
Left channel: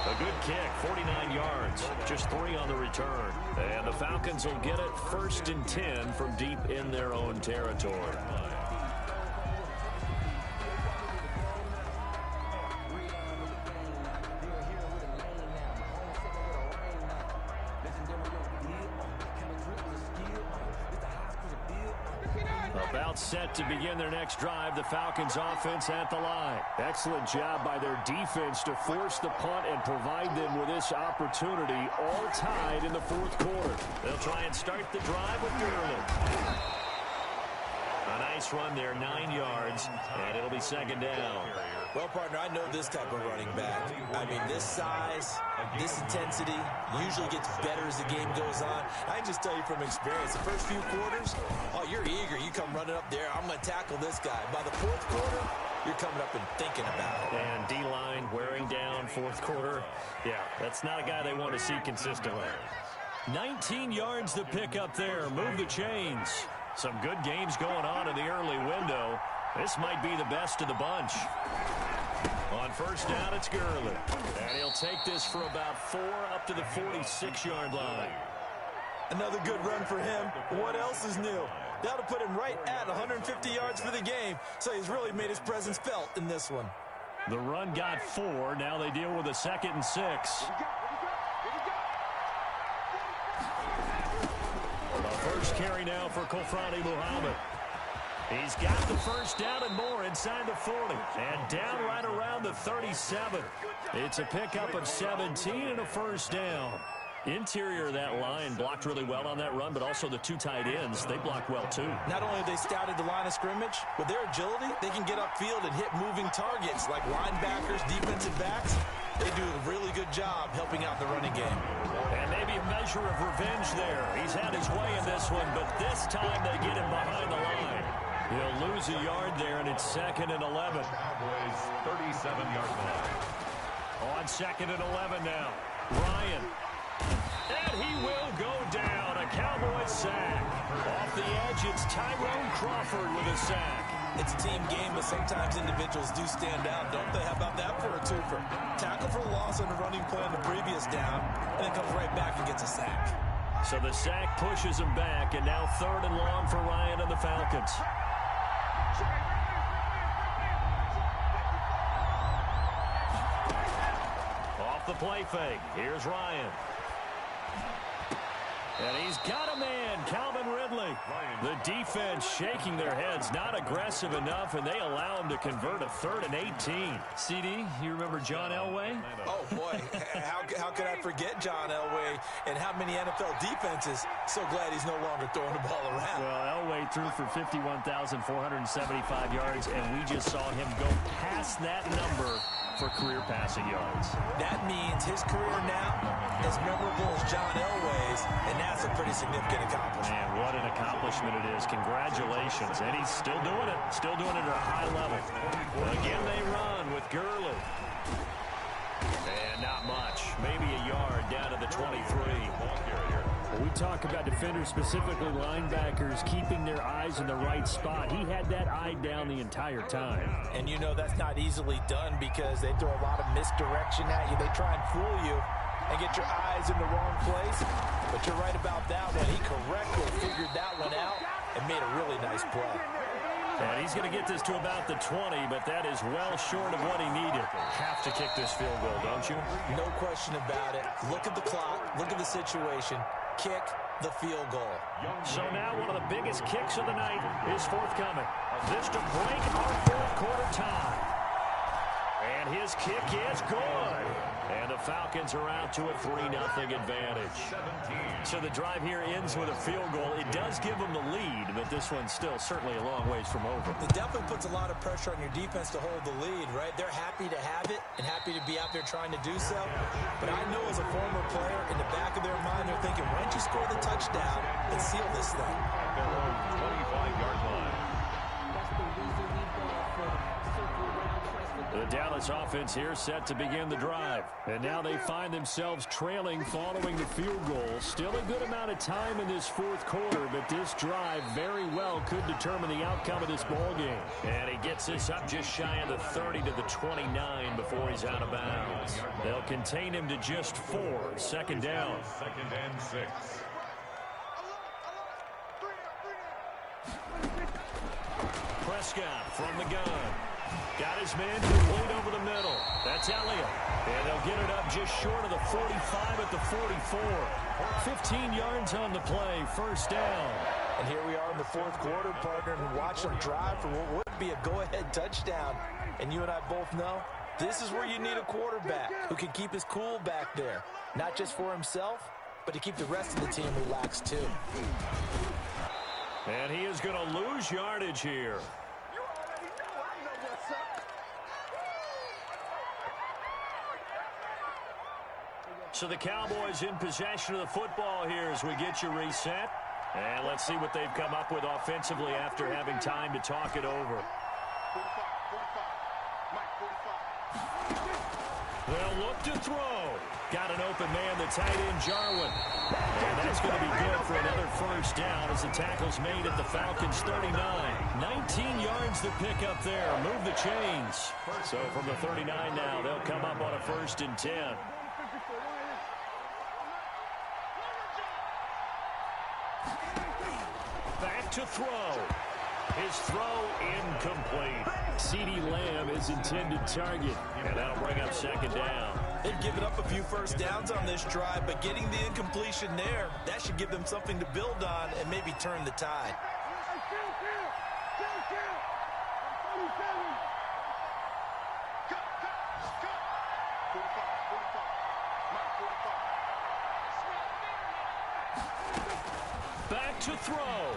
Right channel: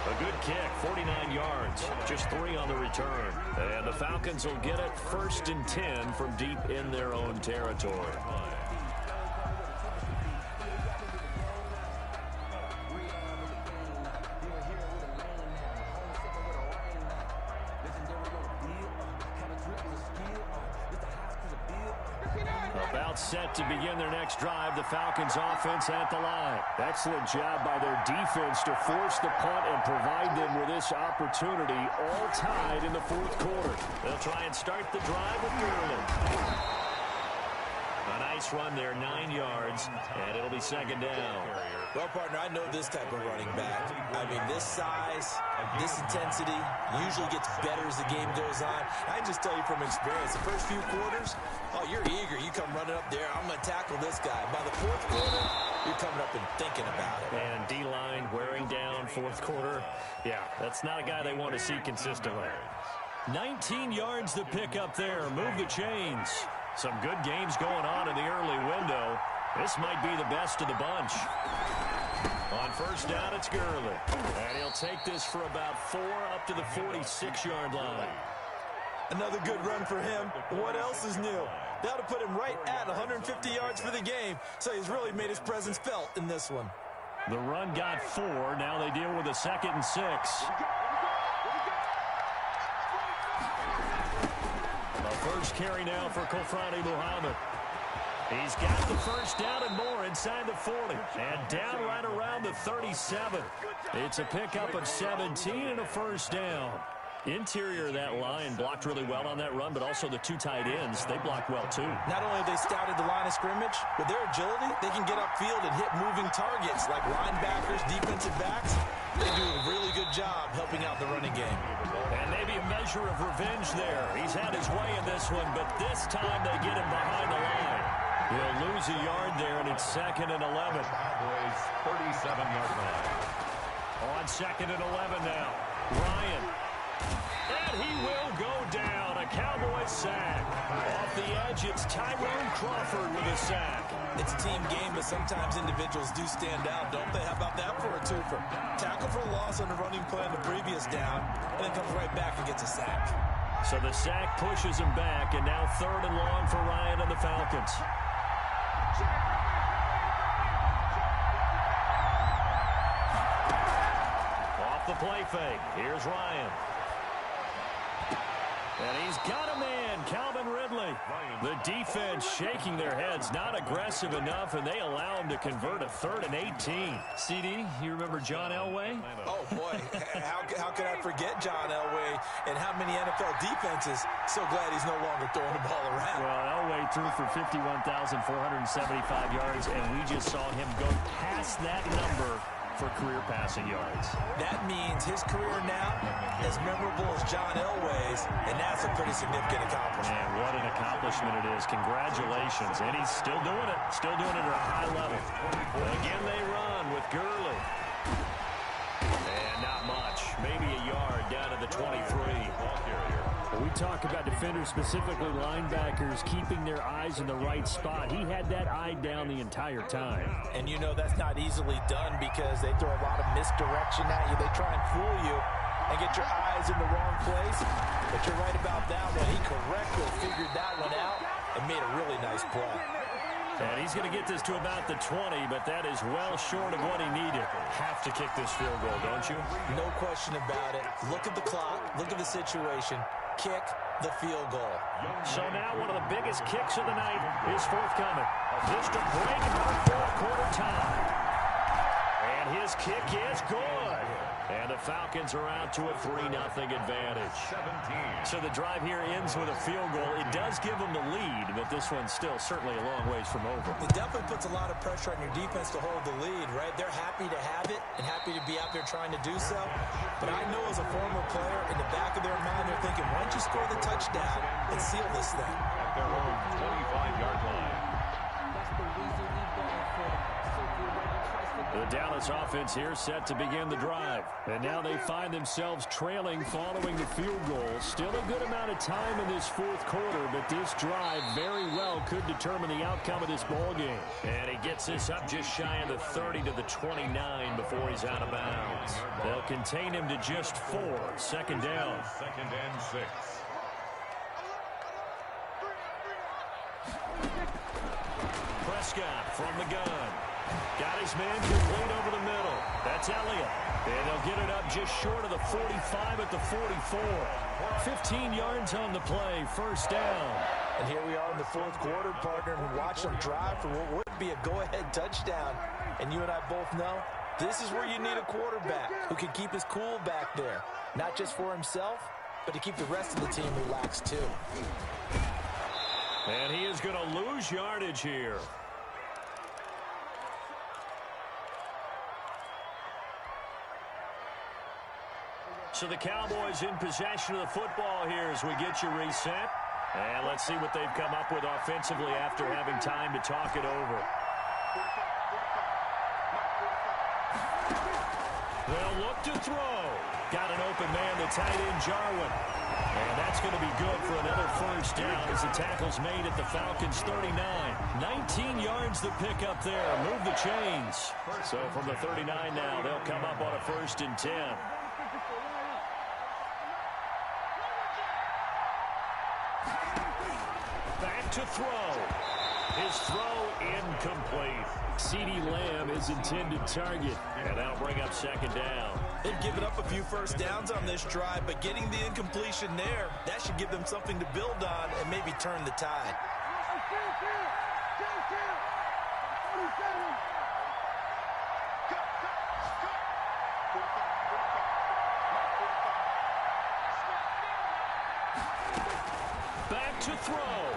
A good kick, 49 yards, just 3 on the return. And the Falcons will get it 1st and 10 from deep in their own territory. About set to begin their next drive. The Falcons offense at the line. Excellent job by their defense to force the punt and provide them with this opportunity, all tied in the 4th quarter. They'll try and start the drive with Gurley. A nice run there, 9 yards, and it'll be 2nd down. Well, partner, I know this type of running back. I mean, this size, this intensity usually gets better as the game goes on. I can just tell you from experience, the first few quarters, oh, you're eager. You come running up there, I'm going to tackle this guy. By the 4th quarter, you're coming up and thinking about it. And D-line wearing down 4th quarter. Yeah, that's not a guy they want to see consistently. 19 yards to pick up there. Move the chains. Some good games going on in the early window. This might be the best of the bunch. On 1st down, it's Gurley. And he'll take this for about 4 up to the 46-yard line. Another good run for him. What else is new? That'll put him right at 150 yards for the game. So he's really made his presence felt in this one. The run got 4. Now they deal with a 2nd and 6. The first carry now for Kofrani Muhammad. He's got the first down and more inside the 40. And down right around the 37. It's a pickup of 17 and a first down. Interior of that line blocked really well on that run, but also the 2 tight ends, they blocked well too. Not only have they scouted the line of scrimmage, with their agility, they can get upfield and hit moving targets like linebackers, defensive backs. They do a really good job helping out the running game. And maybe a measure of revenge there. He's had his way in this one, but this time they get him behind the line. He'll lose a yard there, and it's 2nd and 11. Cowboys 37-yard line. On 2nd and 11 now. Ryan. And he will go down. A Cowboys sack. Off the edge, it's Tyrone Crawford with a sack. It's a team game, but sometimes individuals do stand out, don't they? How about that for a twofer? Tackle for loss on the running play on the previous down, and then comes right back and gets a sack. So the sack pushes him back, and now 3rd and long for Ryan and the Falcons. Off the play fake. Here's Ryan. And he's got a man, Calvin Ridley. The defense shaking their heads, not aggressive enough, and they allow him to convert a 3rd and 18. CD, you remember John Elway? Oh, boy. How could I forget John Elway and how many NFL defenses? So glad he's no longer throwing the ball around. Well, Elway threw for 51,475 yards, and we just saw him go past that number for career passing yards. That means his career now as memorable as John Elway's, and that's a pretty significant accomplishment. Man, what an accomplishment it is. Congratulations. And he's still doing it. Still doing it at a high level. Again, they run with Gurley. And not much. Maybe a yard down to the 23. When we talk about defenders, specifically linebackers, keeping their eyes in the right spot, he had that eye down the entire time. And you know that's not easily done because they throw a lot of misdirection at you. They try and fool you and get your eyes in the wrong place. But you're right about that one. He correctly figured that one out and made a really nice play. And he's going to get this to about the 20, but that is well short of what he needed. Have to kick this field goal, don't you? No question about it. Look at the clock. Look at the situation. Kick the field goal. So now one of the biggest kicks of the night is forthcoming. This to break our 4th quarter tie. And his kick is good. And the Falcons are out to a 3-0 advantage. 17. So the drive here ends with a field goal. It does give them the lead, but this one's still certainly a long ways from over. It definitely puts a lot of pressure on your defense to hold the lead, right? They're happy to have it and happy to be out there trying to do so. But I know as a former player, in the back of their mind, they're thinking, why don't you score the touchdown and seal this thing? At their own 25-yard line. That's the reason we ball for circle round, twice for The Dallas offense here set to begin the drive. And now they find themselves trailing following the field goal. Still a good amount of time in this 4th quarter, but this drive very well could determine the outcome of this ball game. And he gets this up just shy of the 30 to the 29 before he's out of bounds. They'll contain him to just 4. 2nd down. 2nd and 6. Prescott from the gun. Got his man complete over the middle. That's Elliott. And they'll get it up just short of the 45 at the 44. 15 yards on the play. 1st down. And here we are in the 4th quarter, partner, and watch them drive for what would be a go-ahead touchdown. And you and I both know this is where you need a quarterback who can keep his cool back there. Not just for himself, but to keep the rest of the team relaxed too. And he is going to lose yardage here. So the Cowboys in possession of the football here as we get you reset. And let's see what they've come up with offensively after having time to talk it over. 45. They'll look to throw. Got an open man, the tight end, Jarwin. And that's going to be good for another 1st down as the tackle's made at the Falcons' 39. 19 yards to pick up there. Move the chains. So from the 39 now, they'll come up on a 1st and 10. Back to throw. His throw incomplete. CeeDee Lamb is intended target. And that'll bring up second down. They've given up a few first downs on this drive, but getting the incompletion there, that should give them something to build on and maybe turn the tide. Back to throw.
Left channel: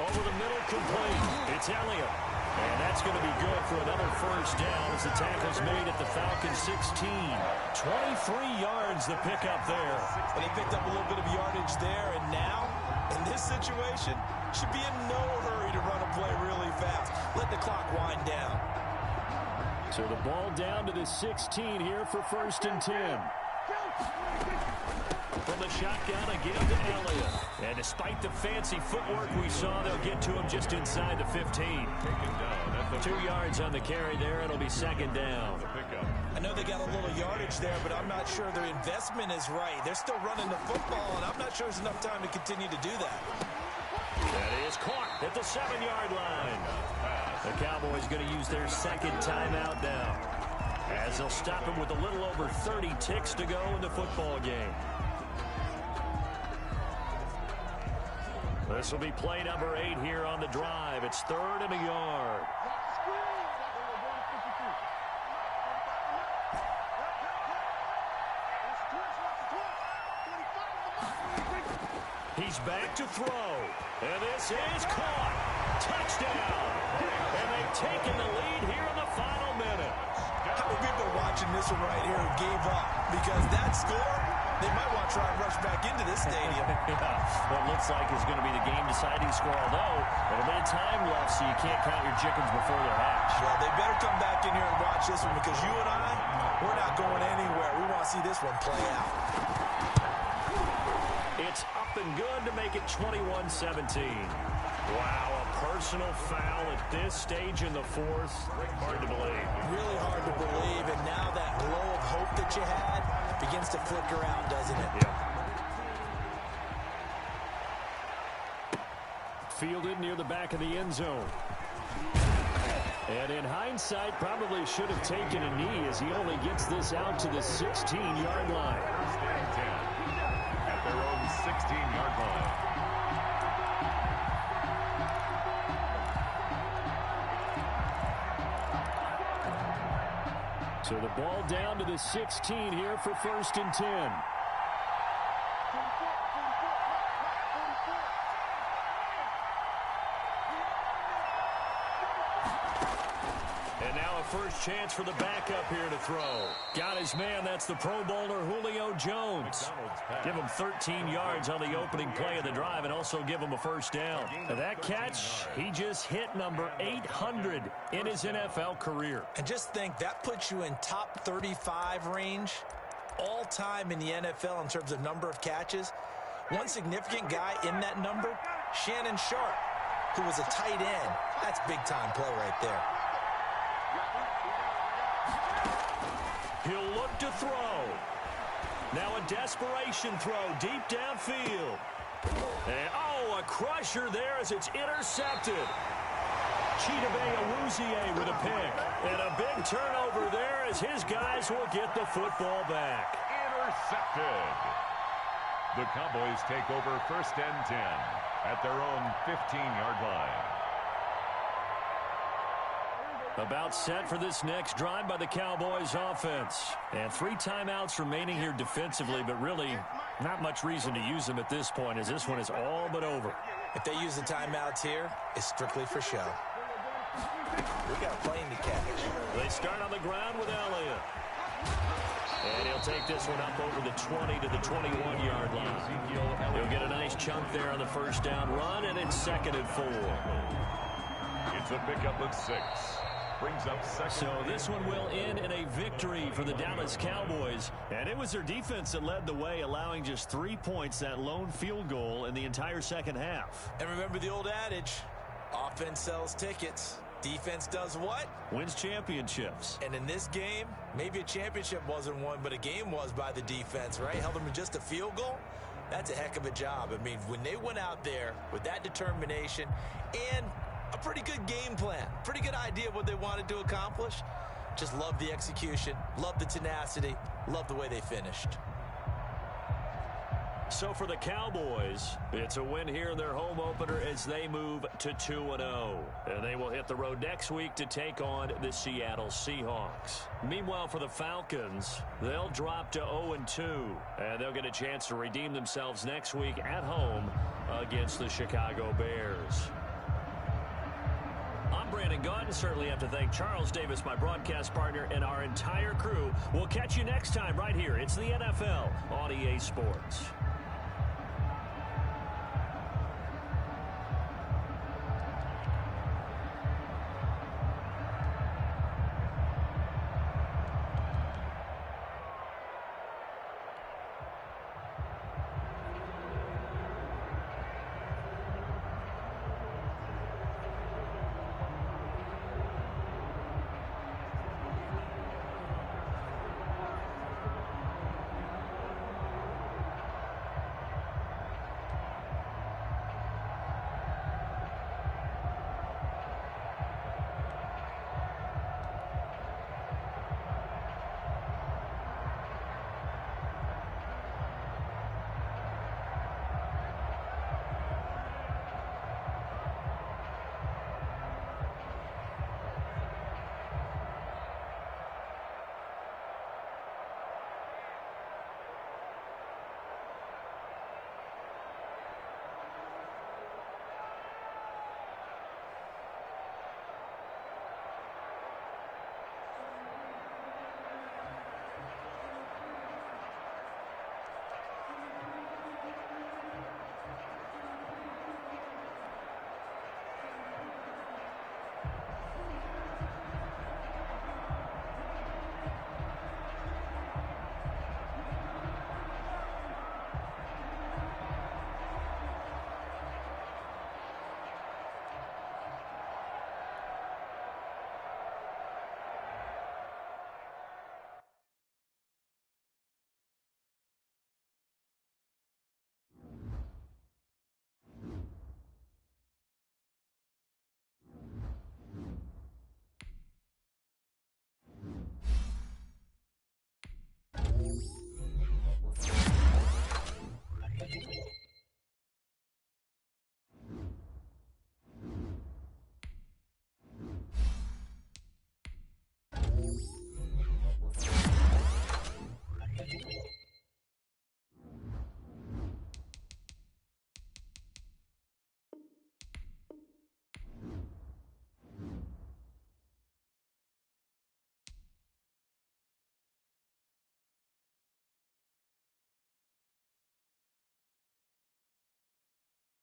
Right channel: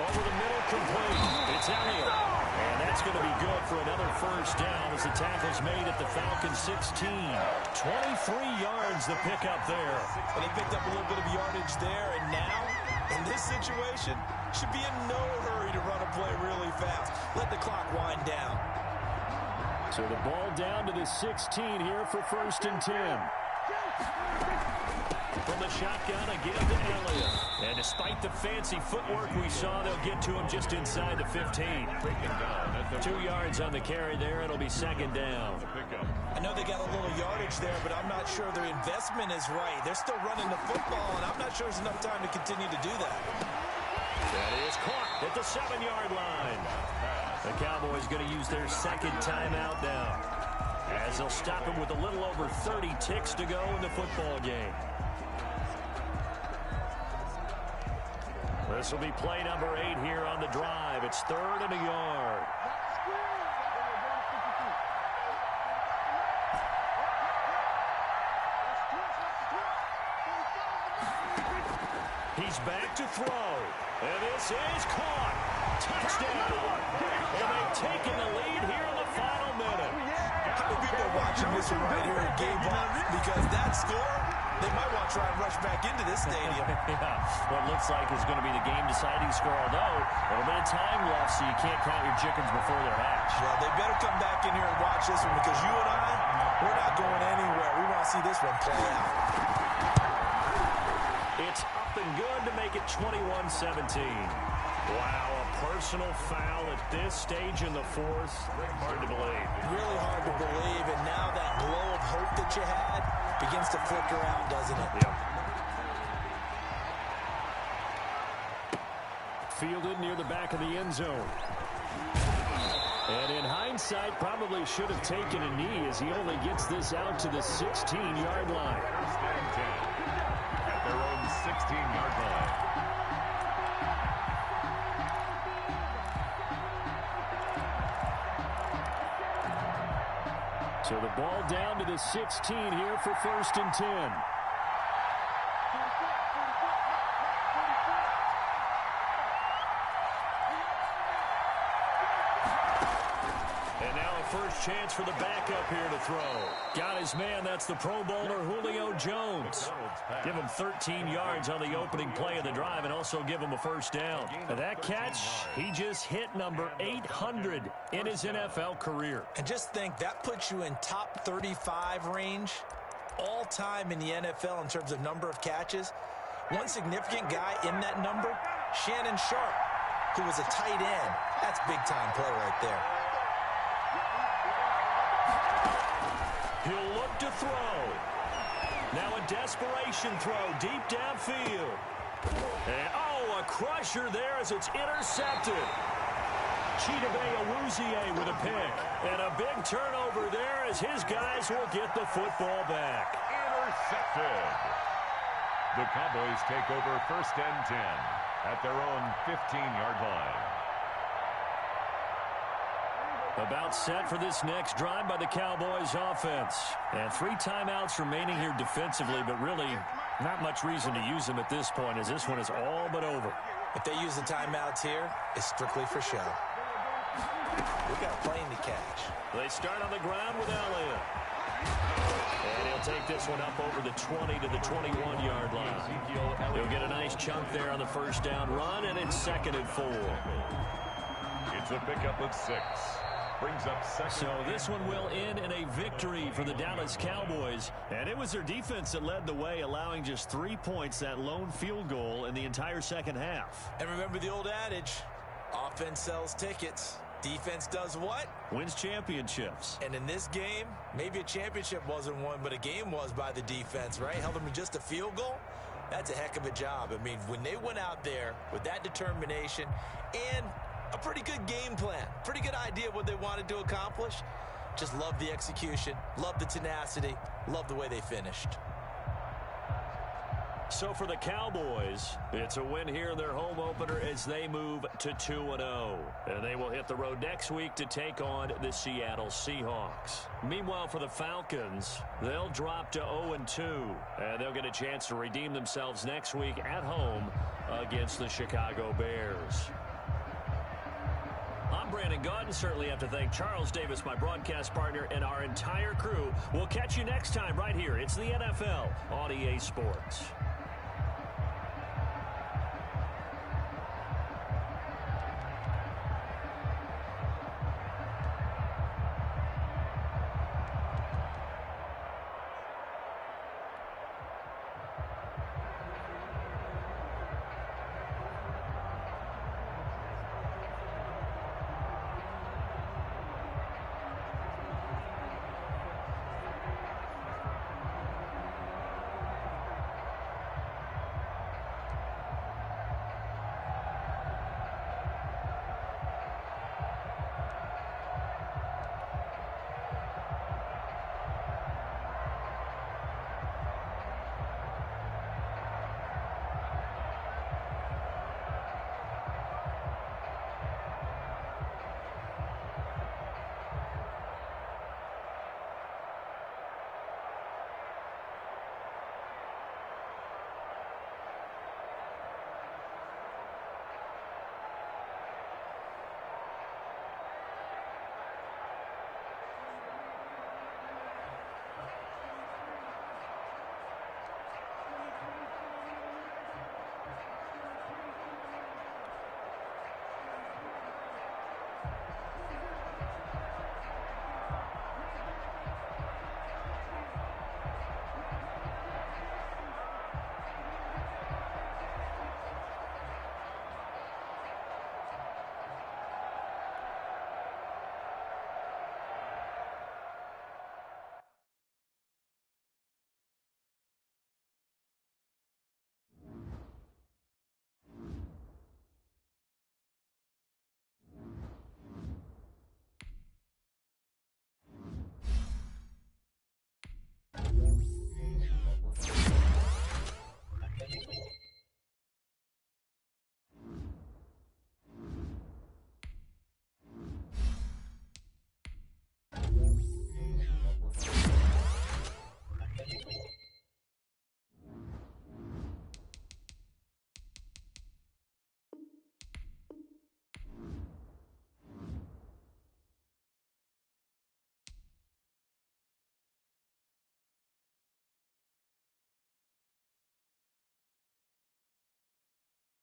Over the middle, complete. It's Elliott. And that's going to be good for another first down as the tackle's made at the Falcons 16. 23 yards the pickup there. Well, they picked up a little bit of yardage there, and now, in this situation, should be in no hurry to run a play really fast. Let the clock wind down. So the ball down to the 16 here for 1st and 10. From the shotgun, again to Elliott. And despite the fancy footwork we saw, they'll get to him just inside the 15. 2 yards on the carry there. It'll be second down. I know they got a little yardage there, but I'm not sure their investment is right. They're still running the football, and I'm not sure there's enough time to continue to do that. That is caught at the 7-yard line. The Cowboys going to use their second timeout now, as they'll stop him with a little over 30 ticks to go in the football game. This will be play number 8 here on the drive. It's 3rd and a yard. He's back to throw. And this is caught. Touchdown. And they've taken the lead here in the final minute. How many people are watching this one right here and gave up? Because that score, they might want to try and rush back into this stadium. Yeah, what looks like is going to be the game-deciding score, although a little bit of time left, so you can't count your chickens before they're hatched. Well, they better come back in here and watch this one, because you and I, we're not going anywhere. We want to see this one play out. It's up and good to make it 21-17. Wow, a personal foul at this stage in the 4th. Hard to believe. Really hard to believe, and now that glow of hope that you had begins to flicker out, doesn't it? Yep. Fielded near the back of the end zone. And in hindsight, probably should have taken a knee as he only gets this out to the 16-yard line. 1st and 10 at their own 16-yard line. So the ball down to the 16 here for 1st and 10. And now a first chance for the backup here to throw. Got his man. That's the Pro Bowler Julio Jones. Give him 13 yards on the opening play of the drive and also give him a first down. And that catch, he just hit number 800 in his NFL career. And just think, that puts you in top 35 range all time in the NFL in terms of number of catches. One significant guy in that number, Shannon Sharp, who was a tight end. That's big-time play right there. He'll look to throw. Now a desperation throw deep downfield. And, oh, a crusher there as it's intercepted. CuzzyWuzzy713's with a pick. And a big turnover there as his guys will get the football back. Intercepted. The Cowboys take over 1st and 10 at their own 15-yard line. About set for this next drive by the Cowboys offense. And 3 timeouts remaining here defensively, but really not much reason to use them at this point as this one is all but over. If they use the timeouts here, it's strictly for show. We got a plane to catch. They start on the ground with Elliott. And he'll take this one up over the 20 to the 21-yard line. He'll get a nice chunk there on the first down run, and it's 2nd and 4. It's a pickup of 6. Brings up 2nd. So this one will end in a victory for the Dallas Cowboys. And it was their defense that led the way, allowing just 3 points, that lone field goal in the entire second half. And remember the old adage, offense sells tickets. Defense does what? Wins championships. And in this game, maybe a championship wasn't won, but a game was by the defense, right? Held them to just a field goal. That's a heck of a job. I mean, when they went out there with that determination and a pretty good game plan, pretty good idea of what they wanted to accomplish, just love the execution, love the tenacity, love the way they finished. So for the Cowboys, it's a win here in their home opener as they move to 2-0. And they will hit the road next week to take on the Seattle Seahawks. Meanwhile, for the Falcons, they'll drop to 0-2. And they'll get a chance to redeem themselves next week at home against the Chicago Bears. I'm Brandon Gaudin. Certainly have to thank Charles Davis, my broadcast partner, and our entire crew. We'll catch you next time right here. It's the NFL on EA Sports.